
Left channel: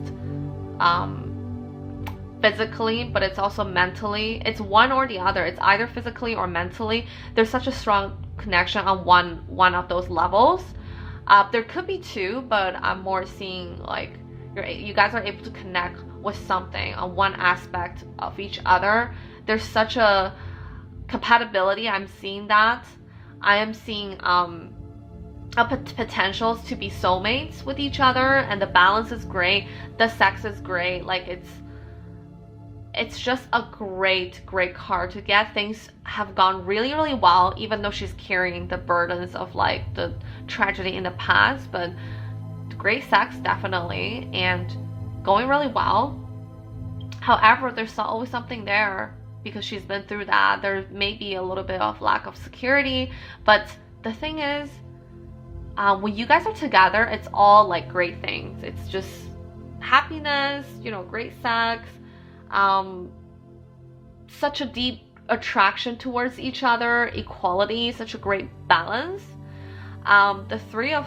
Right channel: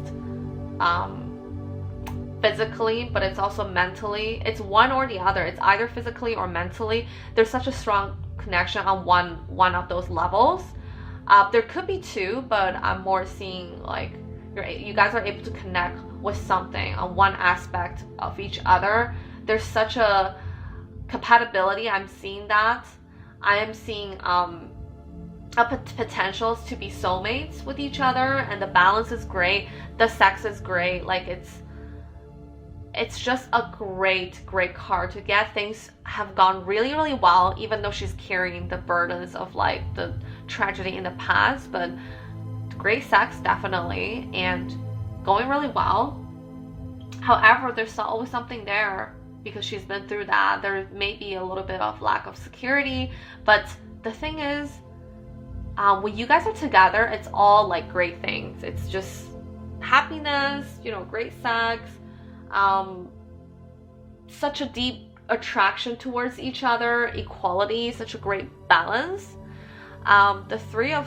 physically, but it's also mentally. It's one or the other. It's either physically or mentally. There's such a strong connection on one of those levels. There could be two, but I'm more seeing like you guys are able to connect with something on one aspect of each other. There's such a compatibility. I'm seeing that. I am seeing potentials to be soulmates with each other, and the balance is great. The sex is great. Like it's just a great card to get. Things have gone really well, even though she's carrying the burdens of like the tragedy in the past, but great sex definitely, and going really well. However, there's always something there because she's been through that. There may be a little bit of lack of security, but the thing is, when you guys are together, it's all like great things. It's just happiness, great sex, such a deep attraction towards each other, equality, such a great balance. The Three of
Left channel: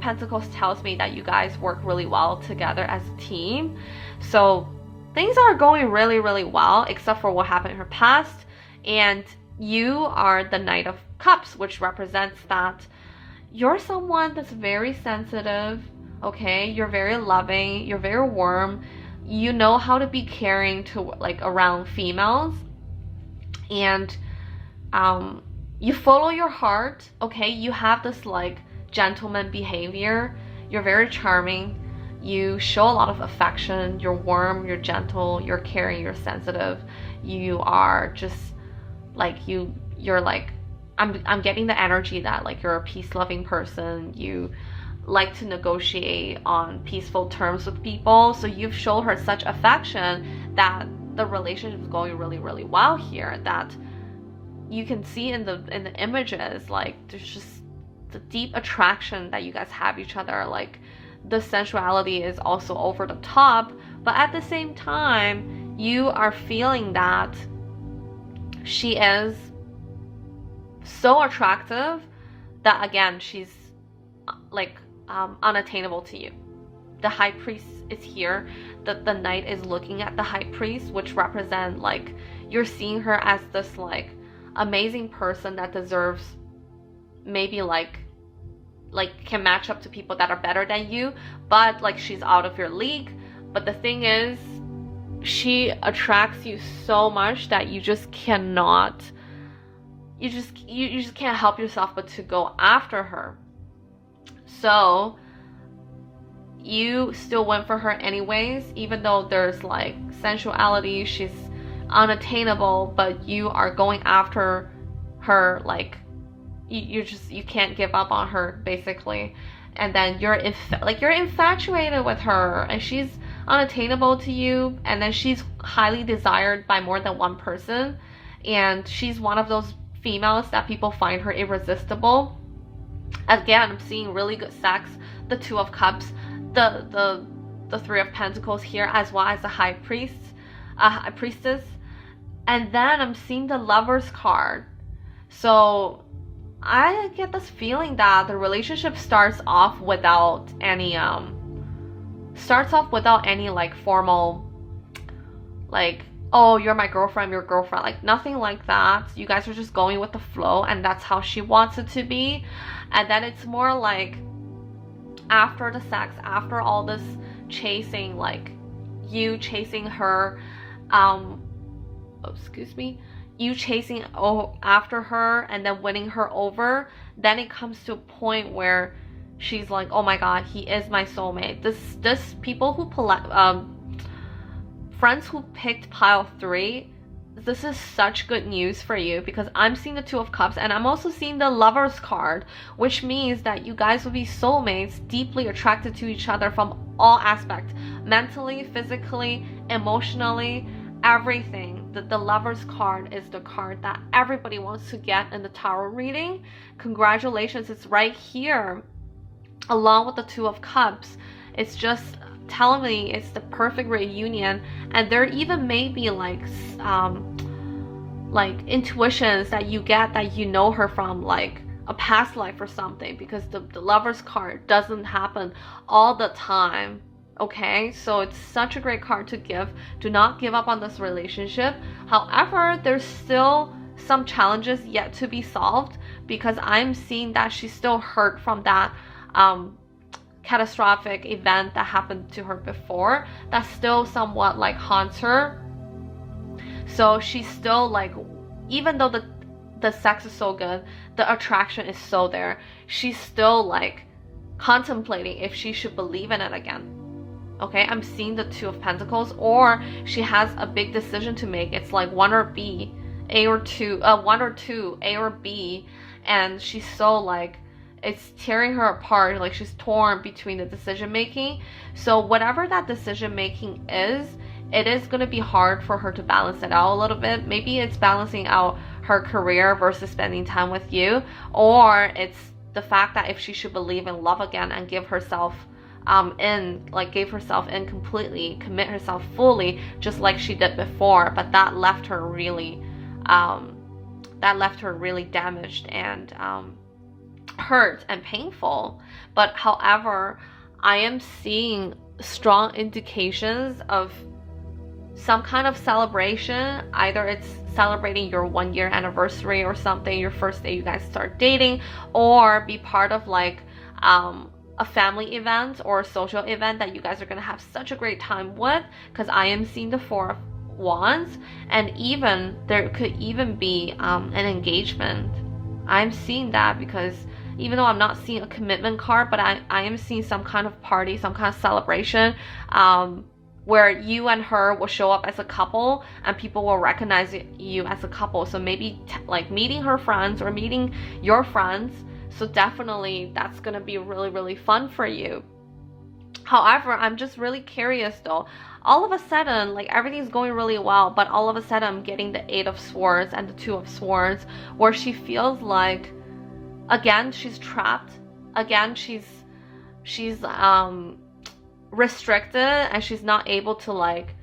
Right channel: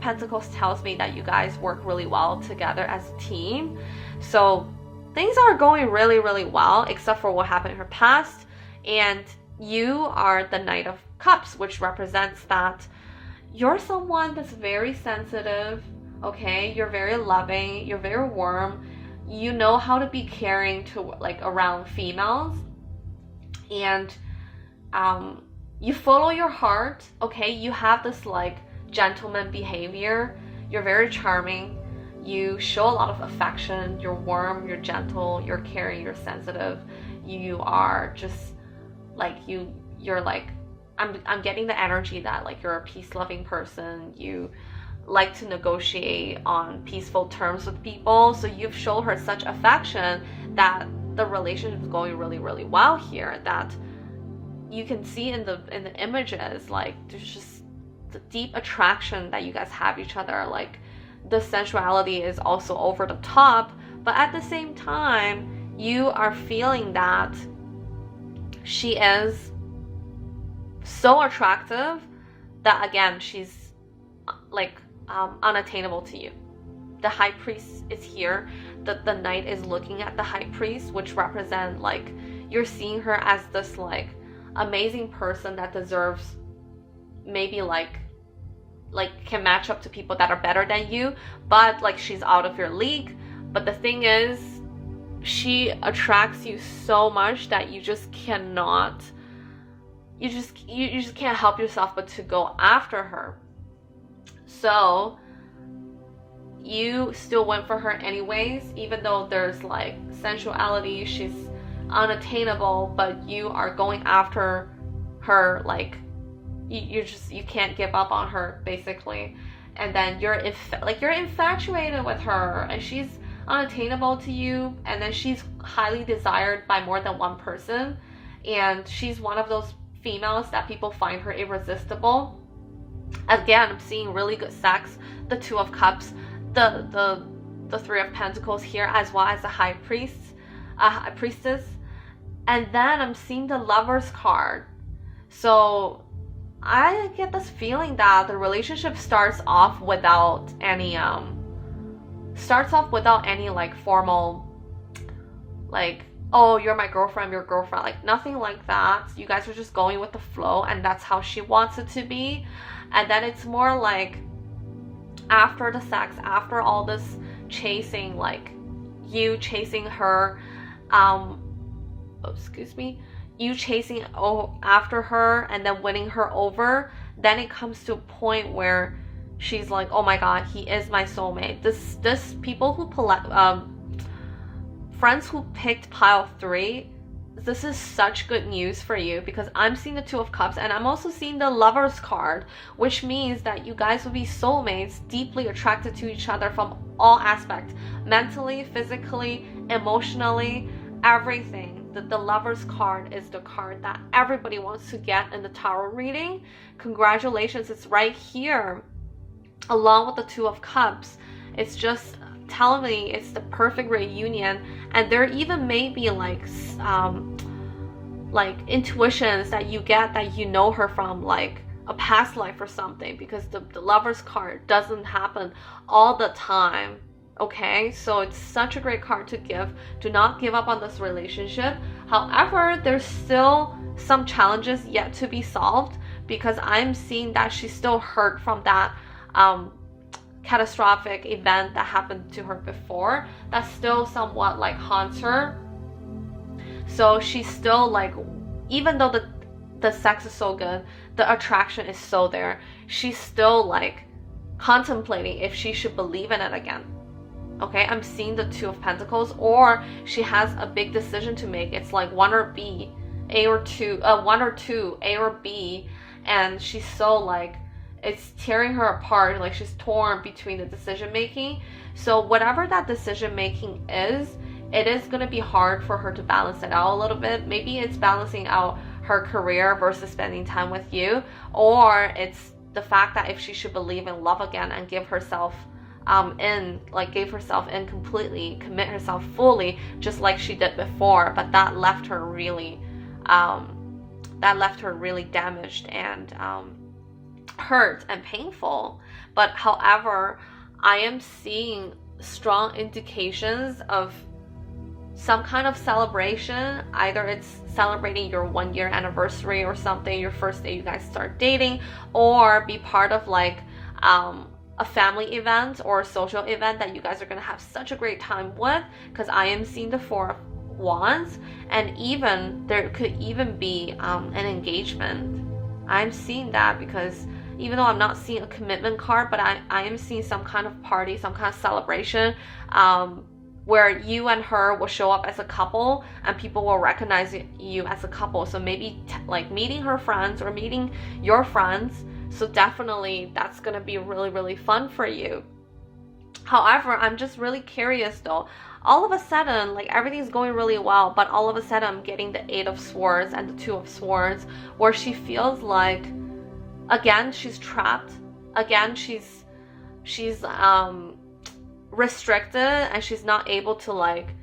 Pentacles tells me that you guys work really well together as a team. So things are going really well, except for what happened in her past. And you are the Knight of Cups, which represents that you're someone that's very sensitive, okay? You're very loving, you're very warm. You know how to be caring to like around females. And you follow your heart, okay? You have this like gentleman behavior. You're very charming. You show a lot of affection. You're warm, you're gentle, you're caring, you're sensitive. You are just like you're like I'm getting the energy that like you're a peace-loving person. You like to negotiate on peaceful terms with people. So you've shown her such affection that the relationship is going really well here. That you can see in the images, like there's just the deep attraction that you guys have each other. Like the sensuality is also over the top, but at the same time, you are feeling that she is so attractive that again she's like unattainable to you. The High Priest is here. The Knight is looking at the High Priest, which represent like you're seeing her as this like amazing person that deserves maybe like can match up to people that are better than you, but like she's out of your league. But the thing is, she attracts you so much that you just cannot, you just can't help yourself but to go after her. So you still went for her anyways, even though there's like sensuality, she's unattainable, but you are going after her. Like you can't give up on her basically. And then you're infatuated with her, and she's unattainable to you, and then she's highly desired by more than one person, and she's one of those females that people find her irresistible. Again, I'm seeing really good sex, the Two of Cups, the Three of Pentacles here, as well as the High Priestess. And then I'm seeing the Lover's card. So I get this feeling that the relationship starts off without any like formal like, oh, you're my girlfriend, your girlfriend, like nothing like that. You guys are just going with the flow, and that's how she wants it to be. And then it's more like after the sex, after all this chasing, like you chasing her, you chasing after her and then winning her over, then it comes to a point where she's like, oh my god, he is my soulmate. This people who friends who picked pile 3, this is such good news for you, because I'm seeing the Two of Cups and I'm also seeing the Lover's card, which means that you guys will be soulmates, deeply attracted to each other from all aspects, mentally, physically, emotionally, everything. The Lover's card is the card that everybody wants to get in the tarot reading. Congratulations, it's right here. along with the Two of Cups, it's just telling me it's the perfect reunion. And there even may be like intuitions that you get that you know her from like a past life or something, because the Lover's card doesn't happen all the time. Okay, so it's such a great card to give. Do not give up on this relationship. However, there's still some challenges yet to be solved, because I'm seeing that she's still hurt from that catastrophic event that happened to her before, that still somewhat like haunts her. So she's still like, even though the sex is so good, the attraction is so there, she's still like contemplating if she should believe in it again. Okay, I'm seeing the Two of Pentacles, or she has a big decision to make. It's like one or B, A or two, one or two, A or B, and she's so like, it's tearing her apart. Like she's torn between the decision making. So whatever that decision making is, it is going to be hard for her to balance it out a little bit. Maybe it's balancing out her career versus spending time with you, or it's the fact that if she should believe in love again and give herself in completely, commit herself fully, just like she did before. But that left her really damaged and hurt and painful. But however, I am seeing strong indications of some kind of celebration. Either it's celebrating your 1-year anniversary or something, your first day you guys start dating, or be part of like a family event or a social event that you guys are going to have such a great time with, because I am seeing the Four of Wands, and even there could even be an engagement. I'm seeing that, because even though I'm not seeing a commitment card, but I am seeing some kind of party, some kind of celebration, where you and her will show up as a couple and people will recognize you as a couple. So maybe like meeting her friends or meeting your friends. So definitely that's going to be really, really fun for you. However, I'm just really curious though. All of a sudden, like everything's going really well, but all of a sudden I'm getting the Eight of Swords and the Two of Swords, where she feels like, again, she's trapped. Again, she's restricted, and she's not able to like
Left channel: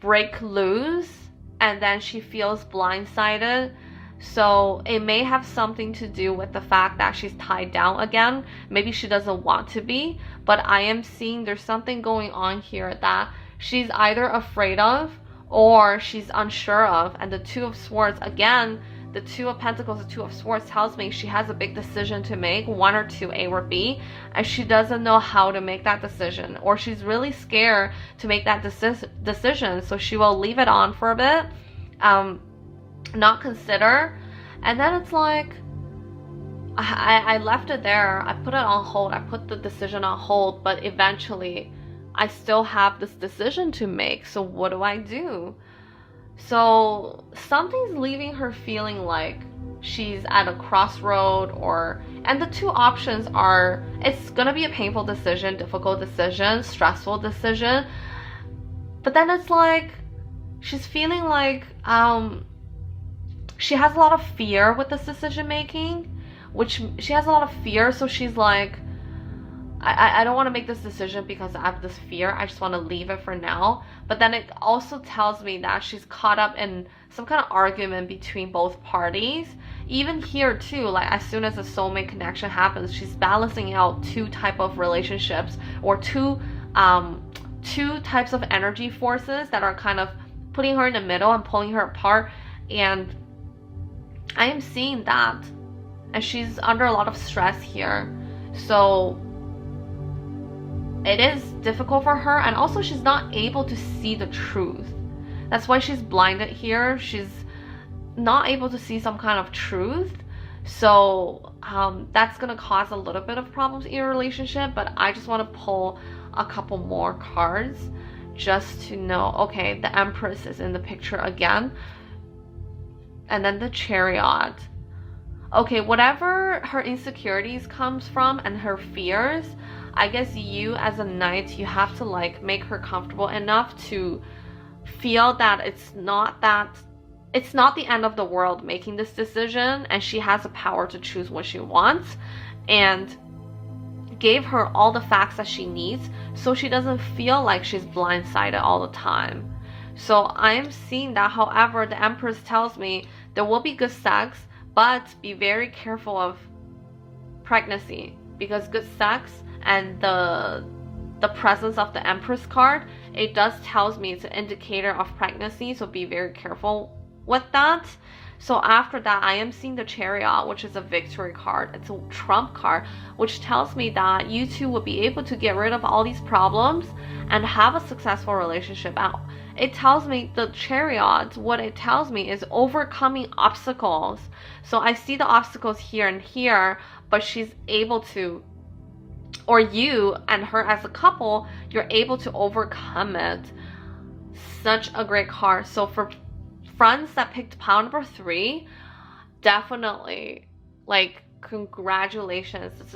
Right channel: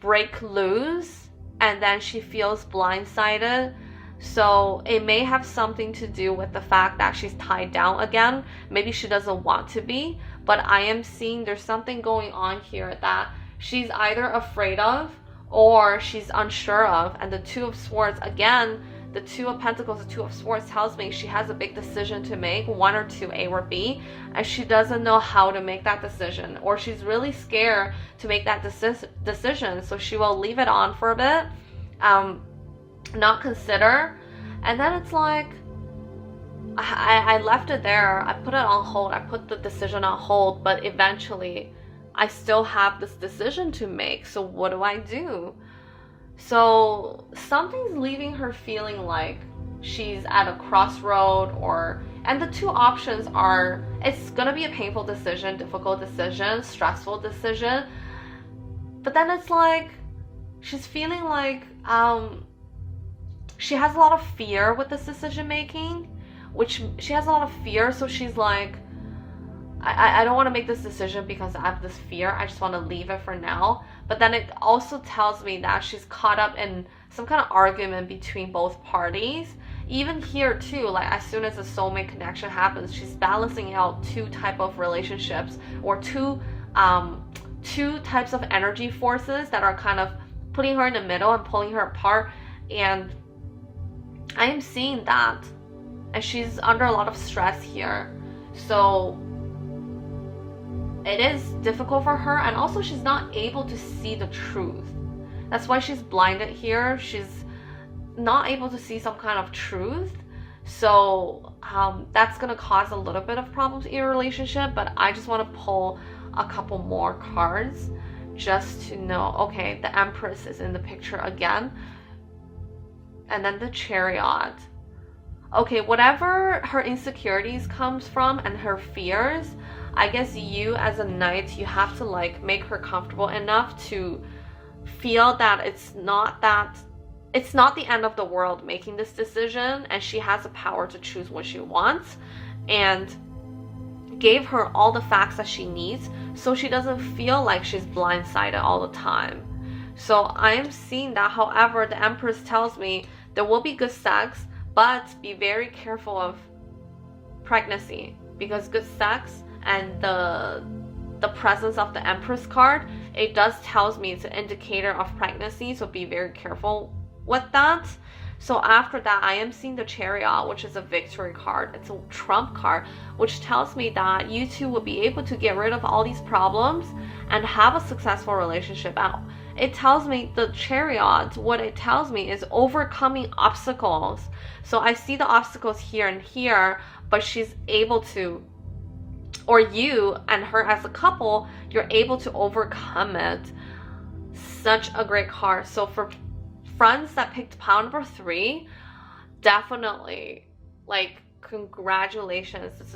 break loose, and then she feels blindsided. So it may have something to do with the fact that she's tied down again. Maybe she doesn't want to be, but I am seeing there's something going on here that she's either afraid of or she's unsure of. And the Two of Swords, again, the Two of Pentacles, the Two of Swords tells me she has a big decision to make, one or two, A or B, and she doesn't know how to make that decision, or she's really scared to make that decision, so she will leave it on for a bit, not consider, and then it's like, I left it there, I put it on hold, I put the decision on hold, but eventually I still have this decision to make, so what do I do? So something's leaving her feeling like she's at a crossroad, and the two options are, it's gonna be a painful decision, difficult decision, stressful decision, but then it's like she's feeling like she has a lot of fear with this decision making, which she has a lot of fear, so she's like, I don't want to make this decision because I have this fear. I just want to leave it for now. But then it also tells me that she's caught up in some kind of argument between both parties. Even here too, like as soon as a soulmate connection happens, she's balancing out two type of relationships, or two types of energy forces that are kind of putting her in the middle and pulling her apart. And I am seeing that, and she's under a lot of stress here. So it is difficult for her, and also she's not able to see the truth. That's why she's blinded here. She's not able to see some kind of truth. So that's gonna cause a little bit of problems in your relationship. But I just want to pull a couple more cards just to know. Okay, the Empress is in the picture again, and then the Chariot. Okay, whatever her insecurities comes from and her fears, I guess you as a knight, you have to like make her comfortable enough to feel that it's not the end of the world making this decision, and she has the power to choose what she wants. And gave her all the facts that she needs so she doesn't feel like she's blindsided all the time. So I am seeing that. However, the Empress tells me there will be good sex, but be very careful of pregnancy, because good sex and the presence of the Empress card, it does tells me it's an indicator of pregnancy, so be very careful with that. So after that, I am seeing the Chariot, which is a victory card. It's a trump card, which tells me that you two will be able to get rid of all these problems and have a successful relationship. And it tells me the Chariot, what it tells me is overcoming obstacles. So I see the obstacles here and here, but she's able to, or you and her as a couple, you're able to overcome it. Such a great card. So for friends that picked pile number 3, definitely, like, congratulations. This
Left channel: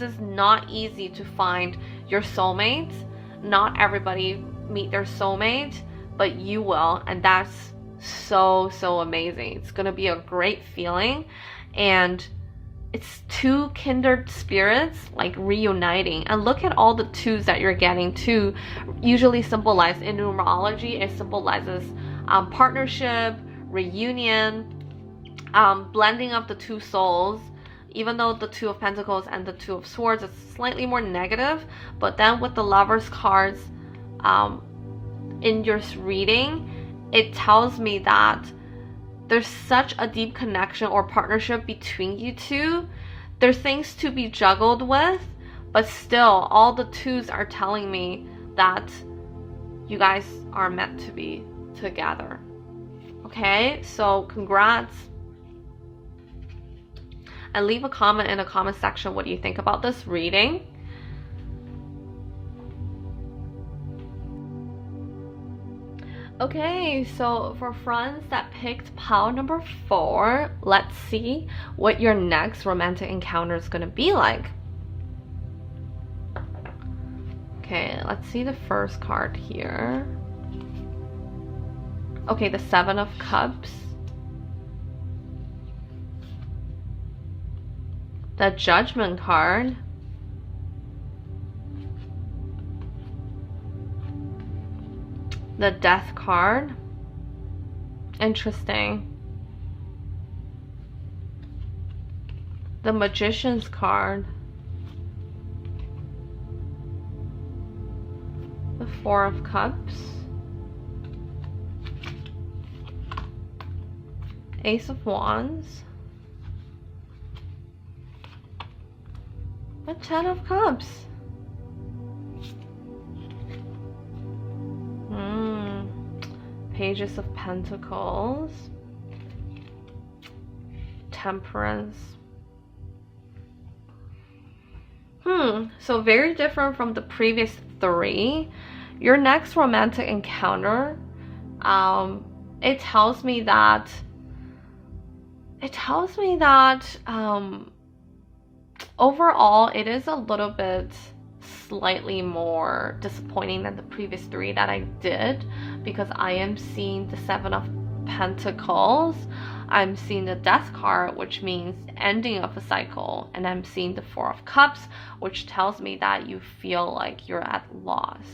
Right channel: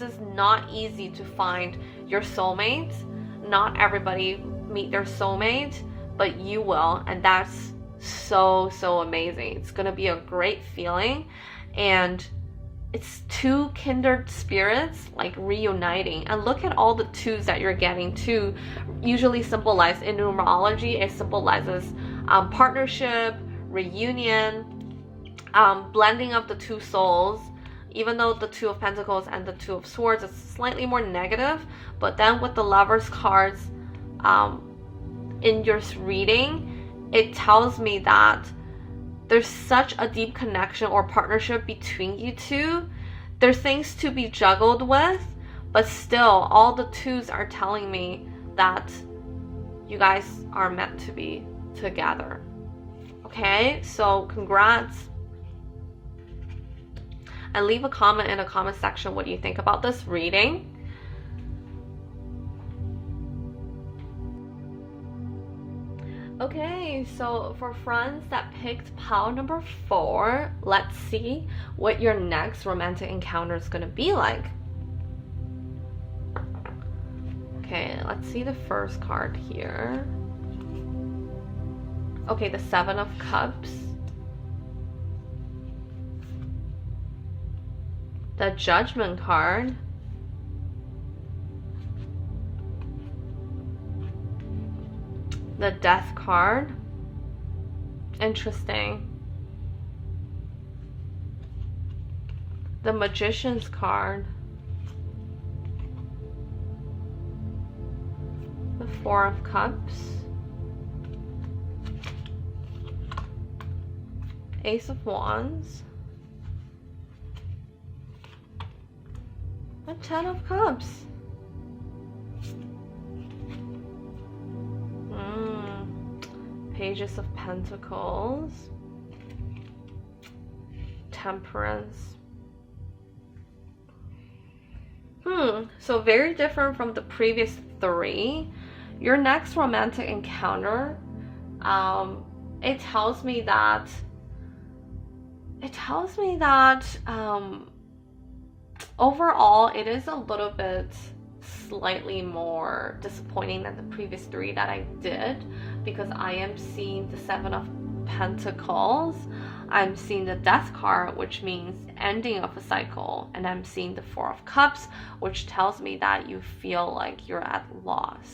is not easy to find your soulmate. Not everybody meet their soulmate, but you will, and that's so amazing. It's gonna be a great feeling, and it's 2 kindred spirits like reuniting. And look at all the 2s that you're getting. 2 usually symbolize, in numerology, it symbolizes partnership, reunion, blending of the 2 souls. Even though the 2 of Pentacles and the 2 of Swords is slightly more negative, but then with the Lovers cards in your reading, it tells me that there's such a deep connection or partnership between you 2. There's things to be juggled with, but still, all the 2s are telling me that you guys are meant to be together. Okay, so congrats. And leave a comment in the comment section what you think about this reading. Okay, so for friends that picked pile number 4, let's see what your next romantic encounter is going to be like. Okay, let's see the first card here. Okay, the 7 of Cups. The Judgment card. The Death card. Interesting. The Magician's card. The 4 of Cups. Ace of Wands. The 10 of Cups. Pages of Pentacles. Temperance. So very different from the previous 3. Your next romantic encounter, it tells me that overall it is a little bit slightly more disappointing than the previous 3 that I did, because I am seeing the 7 of Pentacles, I'm seeing the Death card, which means ending of a cycle, and I'm seeing the 4 of Cups, which tells me that you feel like you're at loss.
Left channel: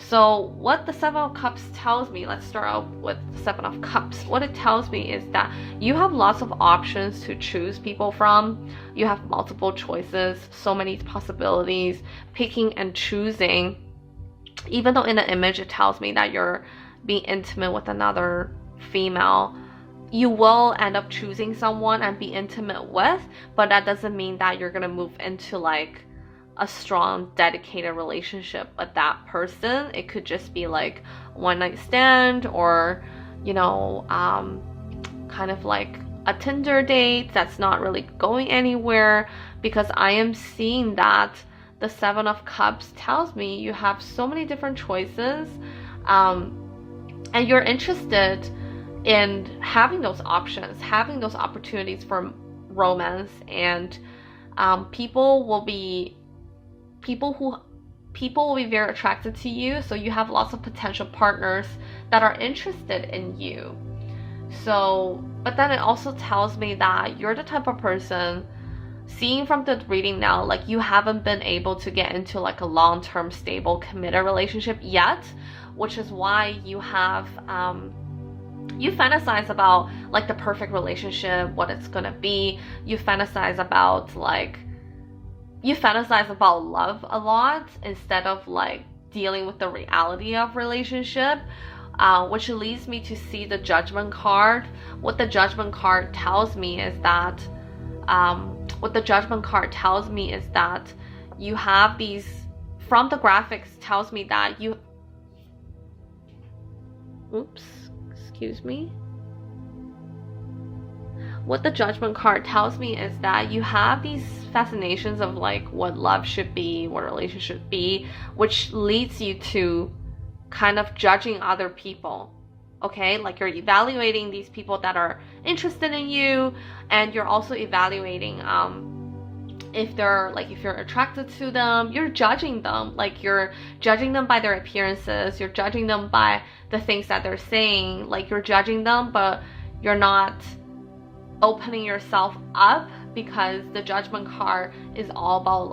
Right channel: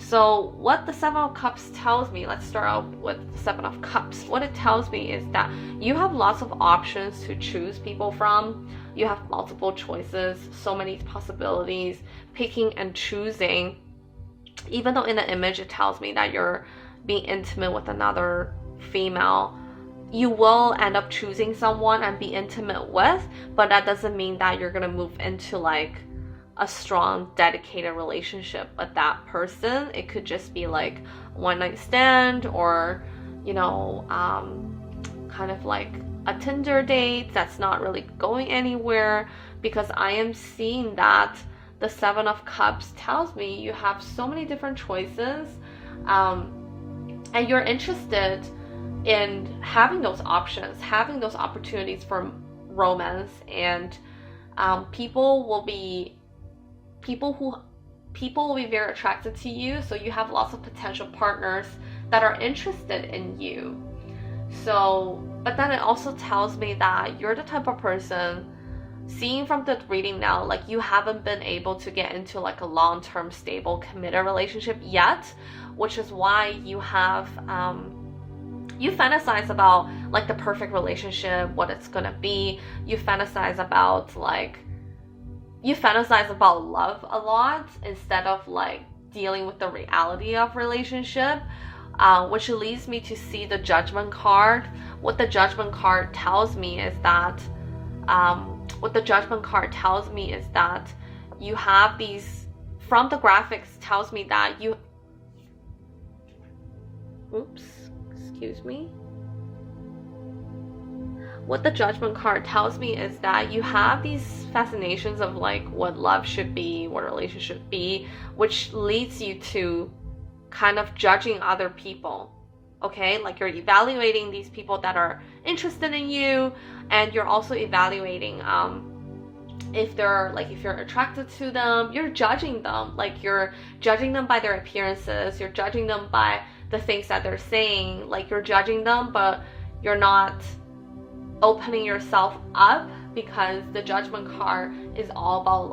So what the 7 of Cups tells me, let's start out with the 7 of Cups. What it tells me is that you have lots of options to choose people from. You have multiple choices, so many possibilities, picking and choosing. Even though in the image it tells me that you're being intimate with another female, you will end up choosing someone and be intimate with, but that doesn't mean that you're gonna move into like a strong, dedicated relationship with that person. It could just be like a one-night stand, or kind of like a Tinder date that's not really going anywhere, because I am seeing that the 7 of Cups tells me you have so many different choices, and you're interested in having those options, having those opportunities for romance, and people will be very attracted to you, so you have lots of potential partners that are interested in you. So, but then it also tells me that you're the type of person, seeing from the reading now, like you haven't been able to get into like a long-term stable committed relationship yet, which is why you have you fantasize about like the perfect relationship, what it's gonna be. You fantasize about love a lot instead of like dealing with the reality of relationship, which leads me to see the Judgment card. What the Judgment card tells me is that you have these, from the graphics tells me that you, excuse me. What the Judgment card tells me is that you have these fascinations of like what love should be, what a relationship should be, which leads you to kind of judging other people. Okay, like you're evaluating these people that are interested in you, and you're also evaluating if you're attracted to them. You're judging them, like you're judging them by their appearances, you're judging them by the things that they're saying, like you're judging them, but you're not opening yourself up, because the Judgment card is all about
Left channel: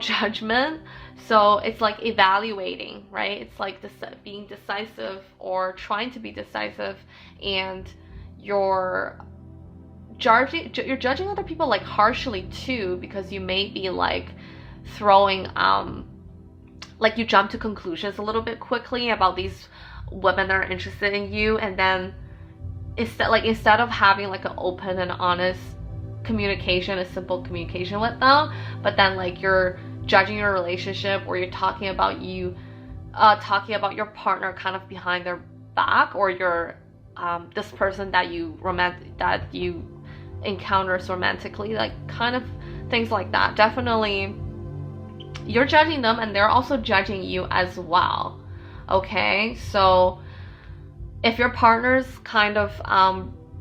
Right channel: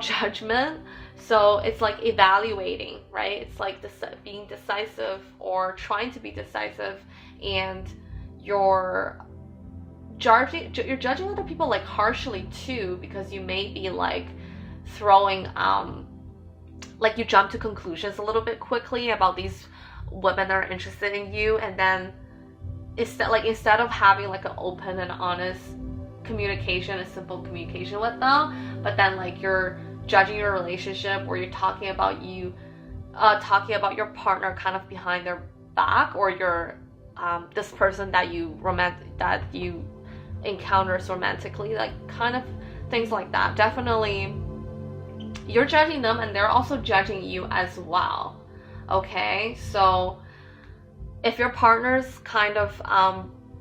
judgment. So it's like evaluating, right? It's like being decisive or trying to be decisive, and you're judging other people like harshly too, because you may be like throwing like you jump to conclusions a little bit quickly about these women that are interested in you, and then instead of having like an open and honest communication, a simple communication with them, but then like you're judging your relationship, or you're talking about your partner kind of behind their back, or your this person that you encounter romantically, like kind of things like that. Definitely you're judging them, and they're also judging you as well. Okay, so if your partner's kind of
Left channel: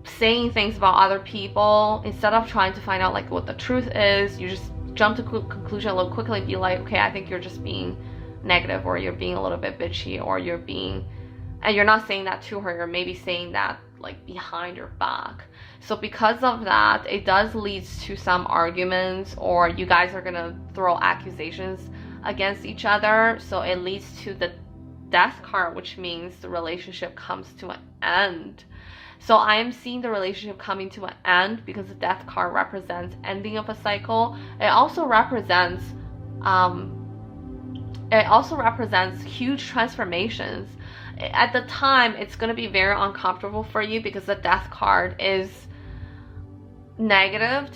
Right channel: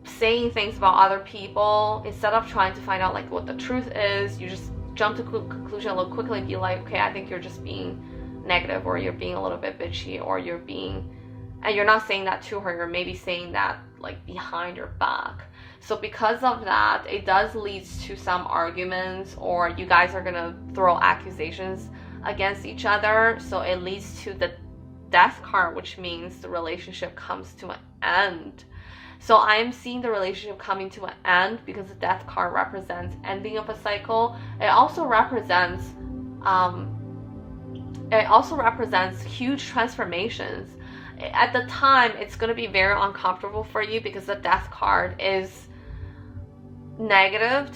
saying things about other people, instead of trying to find out like what the truth is, you just jump to conclusion a little quickly, be like, okay, I think you're just being negative, or you're being a little bit bitchy, or and you're not saying that to her, you're maybe saying that like behind your back. So because of that, it does lead to some arguments, or you guys are gonna throw accusations against each other. So it leads to the Death card, which means the relationship comes to an end. So I'm seeing the relationship coming to an end because the Death card represents ending of a cycle. It also represents huge transformations. At the time, it's going to be very uncomfortable for you because the Death card is negative,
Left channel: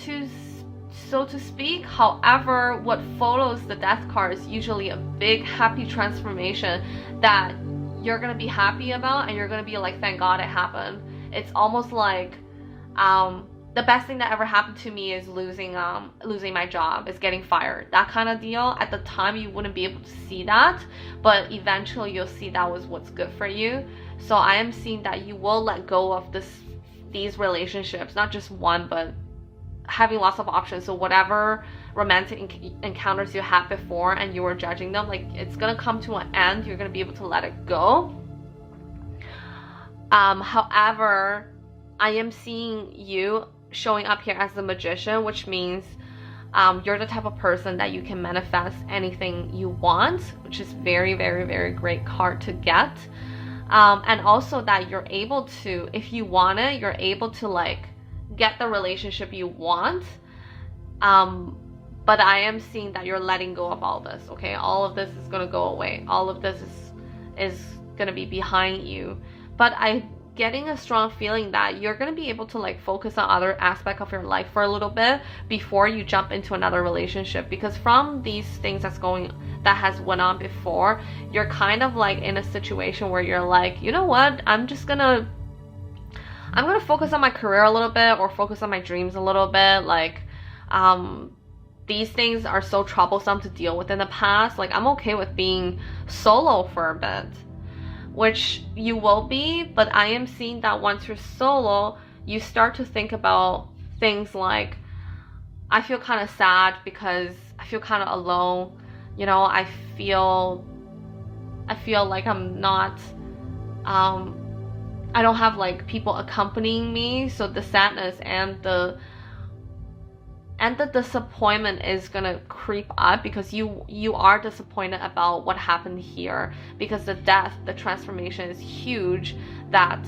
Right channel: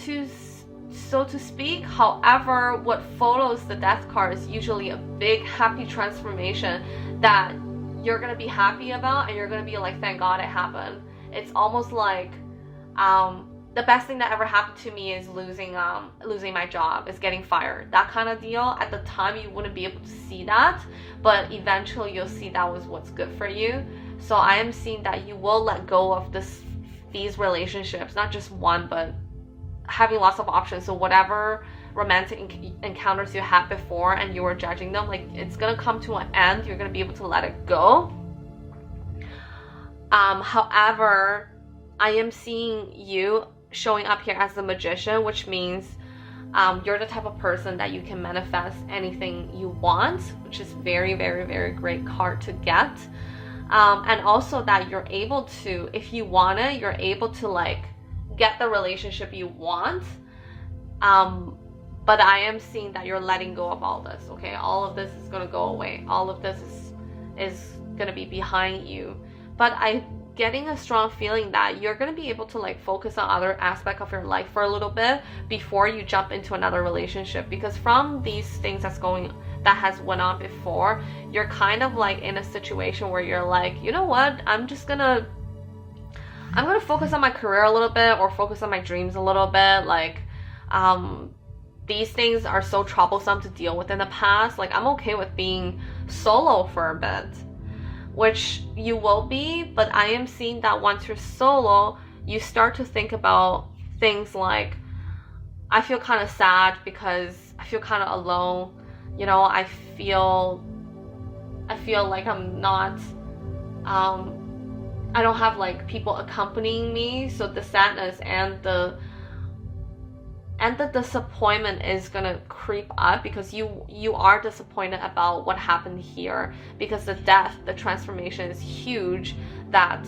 so to speak. However, what follows the Death card is usually a big happy transformation that you're going to be happy about, and you're going to be like, thank God it happened. It's almost like the best thing that ever happened to me is losing my job, is getting fired, that kind of deal. At the time you wouldn't be able to see that, but eventually you'll see that was what's good for you. So I am seeing that you will let go of these relationships, not just one, but having lots of options. So whatever romantic encounters you had before and you were judging them, like it's gonna come to an end. You're gonna be able to let it go. However, I am seeing you showing up here as the Magician, which means you're the type of person that you can manifest anything you want, which is very, very, very great card to get. And also that you're able to, if you want it, you're able to like get the relationship you want. But I am seeing that you're letting go of all this, okay? All of this is going to go away. All of this is going to be behind you. But I'm getting a strong feeling that you're going to be able to like focus on other aspects of your life for a little bit before you jump into another relationship. Because from these things that has went on before, you're kind of like in a situation where you're like, you know what? I'm gonna focus on my career a little bit, or focus on my dreams a little bit. Like, these things are so troublesome to deal with in the past. Like, I'm okay with being solo for a bit, which you will be, but I am seeing that once you're solo, you start to think about things like, I feel kind of sad because I feel kind of alone. You know, I feel like I'm not, I don't have like people accompanying me. So the sadness and and the disappointment is gonna creep up because you are disappointed about what happened here, because the death, the transformation is huge, that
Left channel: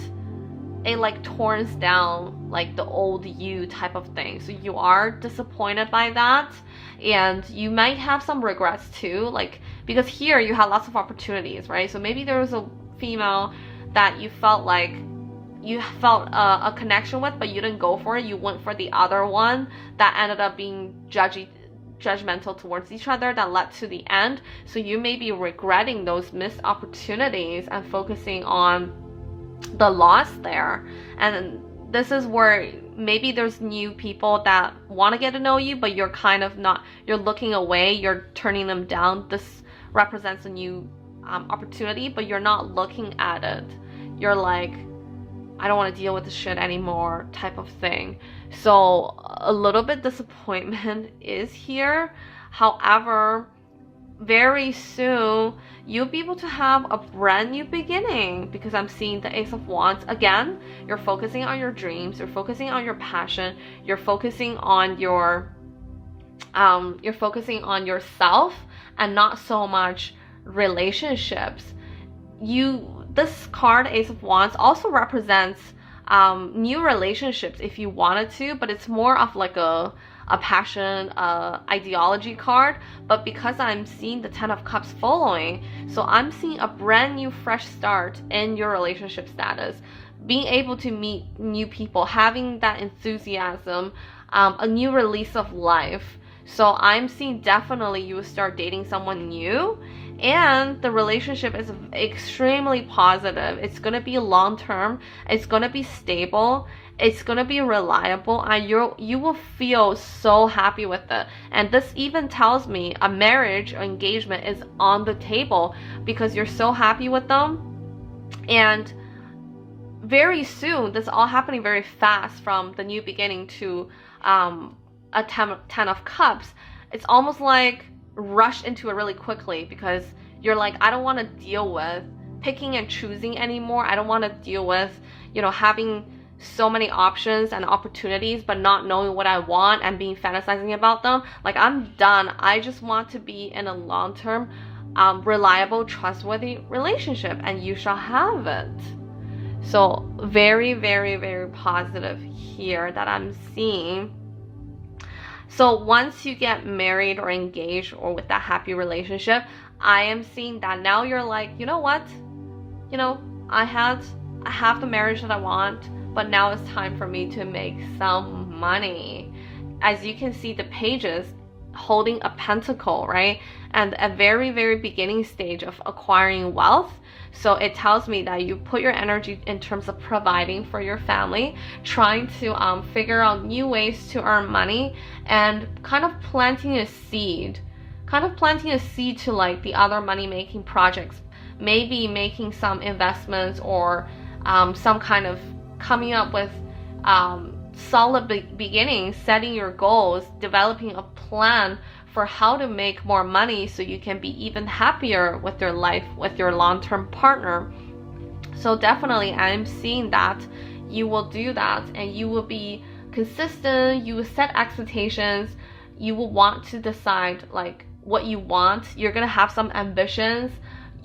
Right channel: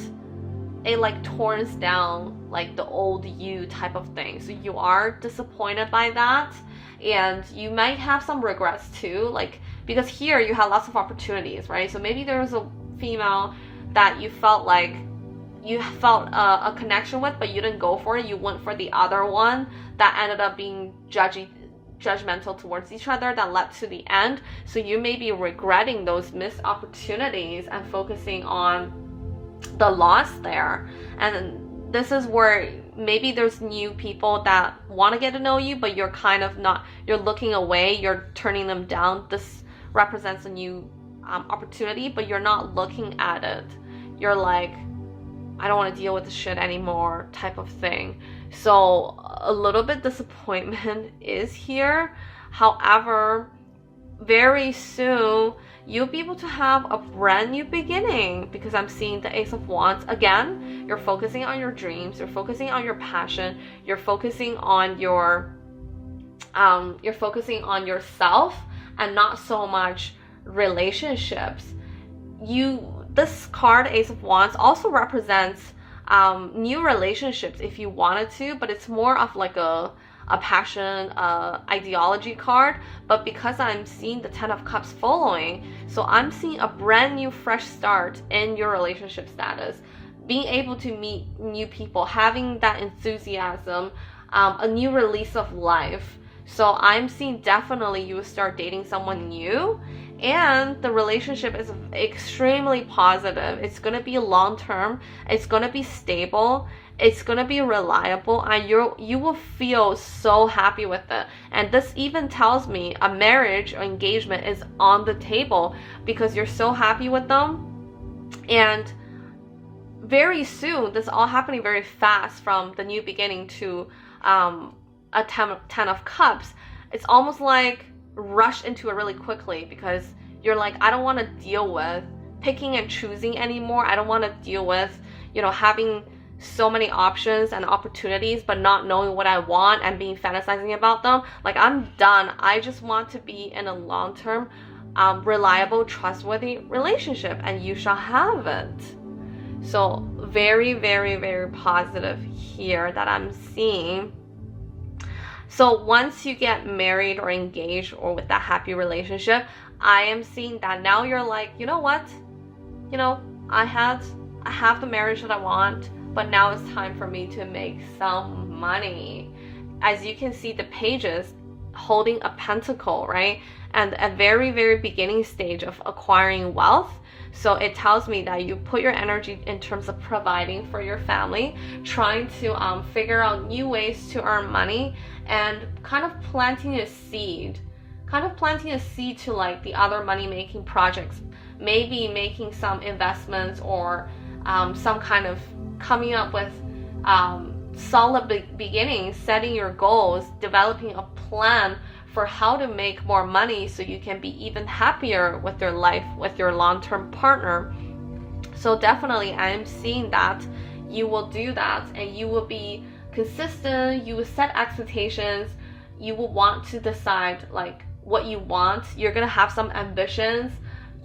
it like torns down like the old you type of thing. So you are disappointed by that, and you might have some regrets too, like because here you had lots of opportunities, right? So maybe there was a female that you felt like you felt a connection with, but you didn't go for it. You went for the other one that ended up being judgmental towards each other, that led to the end. So you may be regretting those missed opportunities and focusing on the loss there. And this is where maybe there's new people that want to get to know you, but you're kind of not, you're looking away, you're turning them down. This represents a new opportunity, but you're not looking at it. You're like, I don't want to deal with this shit anymore type of thing. So a little bit disappointment is here. However, very soon you'll be able to have a brand new beginning, because I'm seeing the Ace of Wands again. You're focusing on your dreams, you're focusing on your passion, you're focusing on you're focusing on yourself and not so much relationships. This card, Ace of Wands, also represents new relationships if you wanted to, but it's more of like a passion, ideology card. But because I'm seeing the Ten of Cups following, so I'm seeing a brand new fresh start in your relationship status, being able to meet new people, having that enthusiasm, a new release of life. So I'm seeing definitely you will start dating someone new, and the relationship is extremely positive. It's going to be long term, it's going to be stable, it's going to be reliable, and you will feel so happy with it. And this even tells me a marriage or engagement is on the table, because you're so happy with them. And very soon, this is all happening very fast, from the new beginning to a ten of Cups. It's almost like rush into it really quickly, because you're like, I don't want to deal with picking and choosing anymore. I don't want to deal with, having so many options and opportunities but not knowing what I want and being fantasizing about them. Like, I'm done. I just want to be in a long-term, reliable, trustworthy relationship, and you shall have it. So very, very, very positive here that I'm seeing. So once you get married or engaged or with that happy relationship, I am seeing that now you're like, you know what? I have the marriage that I want, but now it's time for me to make some money. As you can see, the pages holding a pentacle, right? And a very, very beginning stage of acquiring wealth. So it tells me that you put your energy in terms of providing for your family, trying to figure out new ways to earn money, and kind of planting a seed to like the other money-making projects, maybe making some investments, or some kind of coming up with solid beginnings, setting your goals, developing a plan for how to make more money so you can be even happier with your life, with your long-term partner. So definitely I'm seeing that you will do that, and you will be consistent, you will set expectations, you will want to decide like what you want, you're gonna have some ambitions.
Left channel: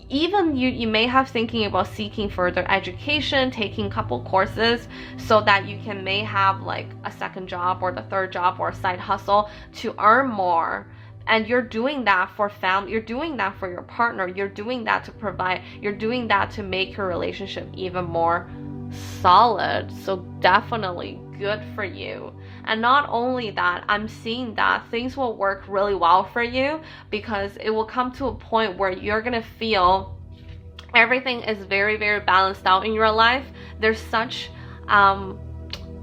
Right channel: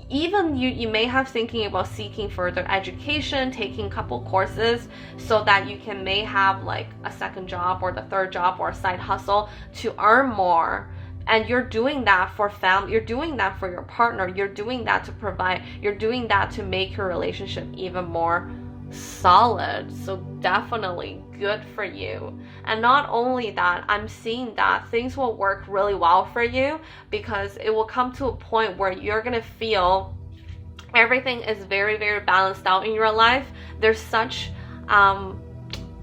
Even you may have thinking about seeking further education, taking a couple courses, so that you may have like a second job or the third job or a side hustle to earn more. And you're doing that for family, you're doing that for your partner, you're doing that to provide, you're doing that to make your relationship even more solid. So definitely good for you. And not only that, I'm seeing that things will work really well for you, because it will come to a point where you're gonna feel everything is very, very balanced out in your life. There's such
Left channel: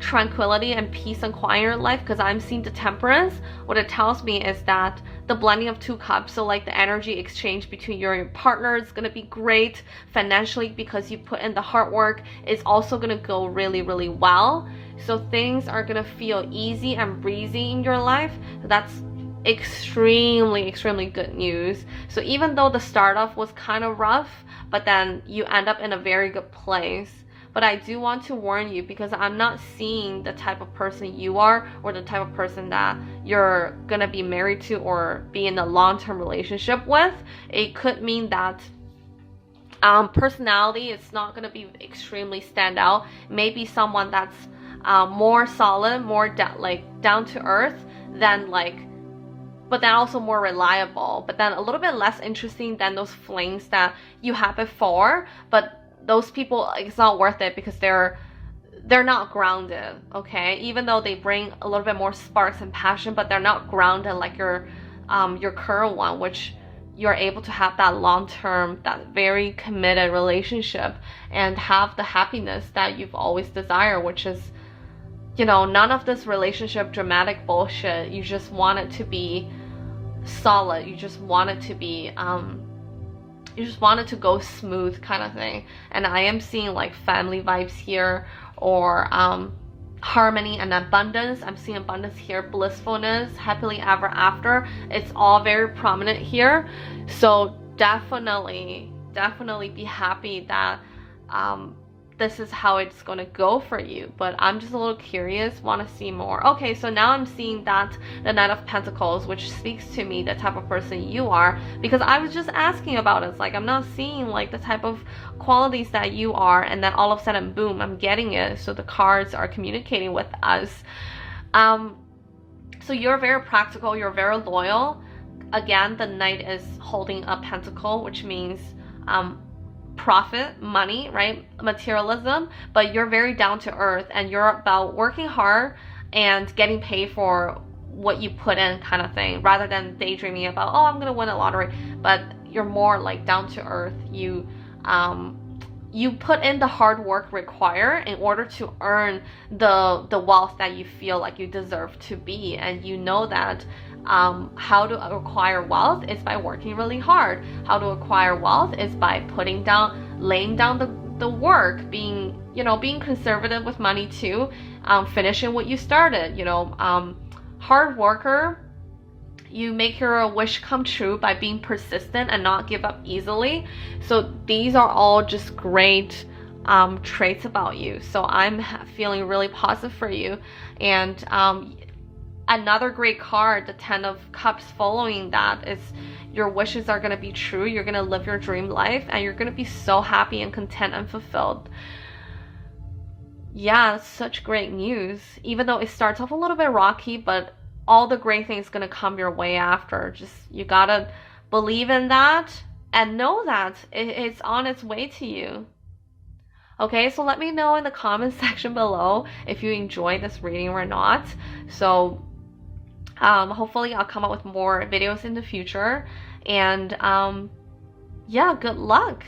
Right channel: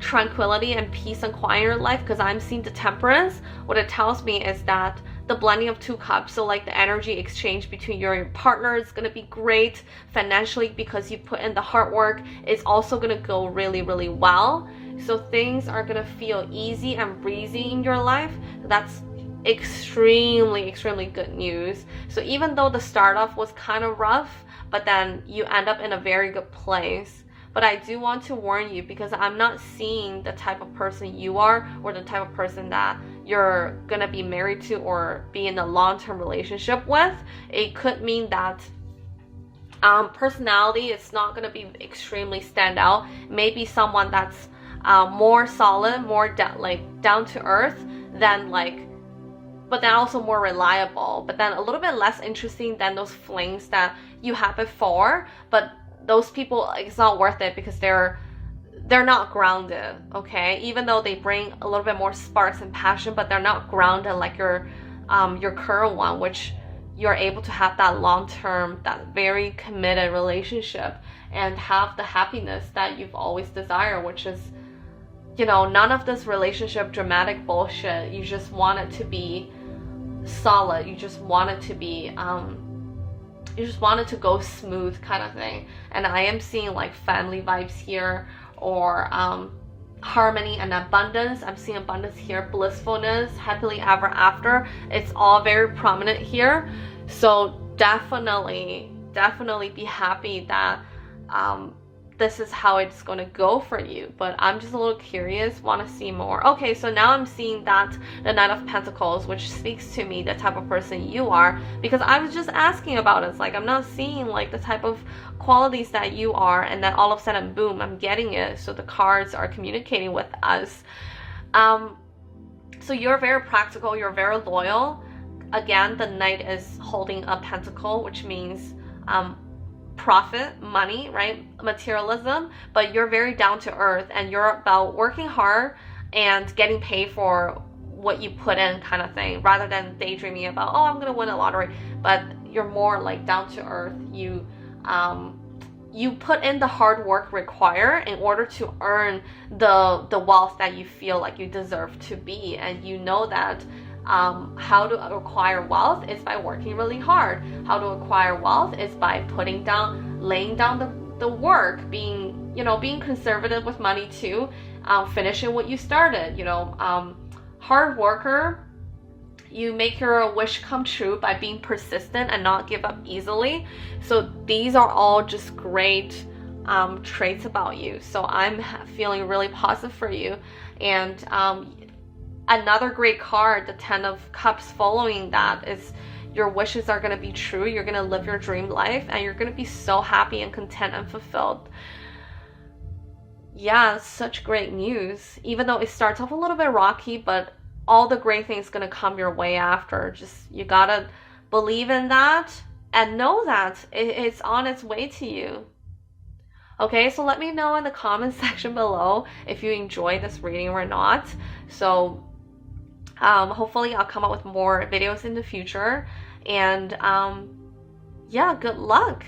tranquility and peace and quiet in your life, because I'm seeing the Temperance. What it tells me is that the blending of two cups, so like the energy exchange between you and your partner is going to be great financially, because you put in the hard work. It's also going to go really, really well. So things are going to feel easy and breezy in your life. That's extremely, extremely good news. So even though the start off was kind of rough, but then you end up in a very good place. But I do want to warn you, because I'm not seeing the type of person you are, or the type of person that you're gonna be married to or be in a long-term relationship with. It could mean that personality is not gonna be extremely stand out. Maybe someone that's more solid, more down to earth than but then also more reliable, but then a little bit less interesting than those flings that you had before. But those people, it's not worth it, because they're not grounded, okay? Even though they bring a little bit more sparks and passion, but they're not grounded like your current one, which you're able to have that long-term, that very committed relationship, and have the happiness that you've always desired, which is, none of this relationship dramatic bullshit. You just want it to be solid. You just want it to be you just want it to go smooth, kind of thing. And I am seeing family vibes here, or harmony and abundance. I'm seeing abundance here, blissfulness, happily ever after. It's all very prominent here. So definitely be happy that this is how it's going to go for you. But I'm just a little curious, want to see more. Okay, so now I'm seeing that the Knight of Pentacles, which speaks to me the type of person you are, because I was just asking about it. It's I'm not seeing the type of qualities that you are, and then all of a sudden, boom, I'm getting it. So the cards are communicating with us. So you're very practical, you're very loyal. Again, the Knight is holding a pentacle, which means profit, money, right? Materialism. But you're very down to earth, and you're about working hard and getting paid for what you put in, kind of thing, rather than daydreaming about, oh, I'm gonna win a lottery. But you're more down to earth. You put in the hard work required in order to earn the wealth that you feel like you deserve to be. And you know that how to acquire wealth is by working really hard. How to acquire wealth is by laying down the work, being conservative with money too, finishing what you started, hard worker. You make your wish come true by being persistent and not give up easily. So these are all just great traits about you. So I'm feeling really positive for you. And another great card, the 10 of Cups, following that, is your wishes are going to be true. You're going to live your dream life, and you're going to be so happy and content and fulfilled. Yeah, it's such great news. Even though it starts off a little bit rocky, but all the great things going to come your way after. Just, you got to believe in that and know that it's on its way to you. Okay, so let me know in the comment section below if you enjoyed this reading or not. So hopefully I'll come up with more videos in the future. And yeah, good luck.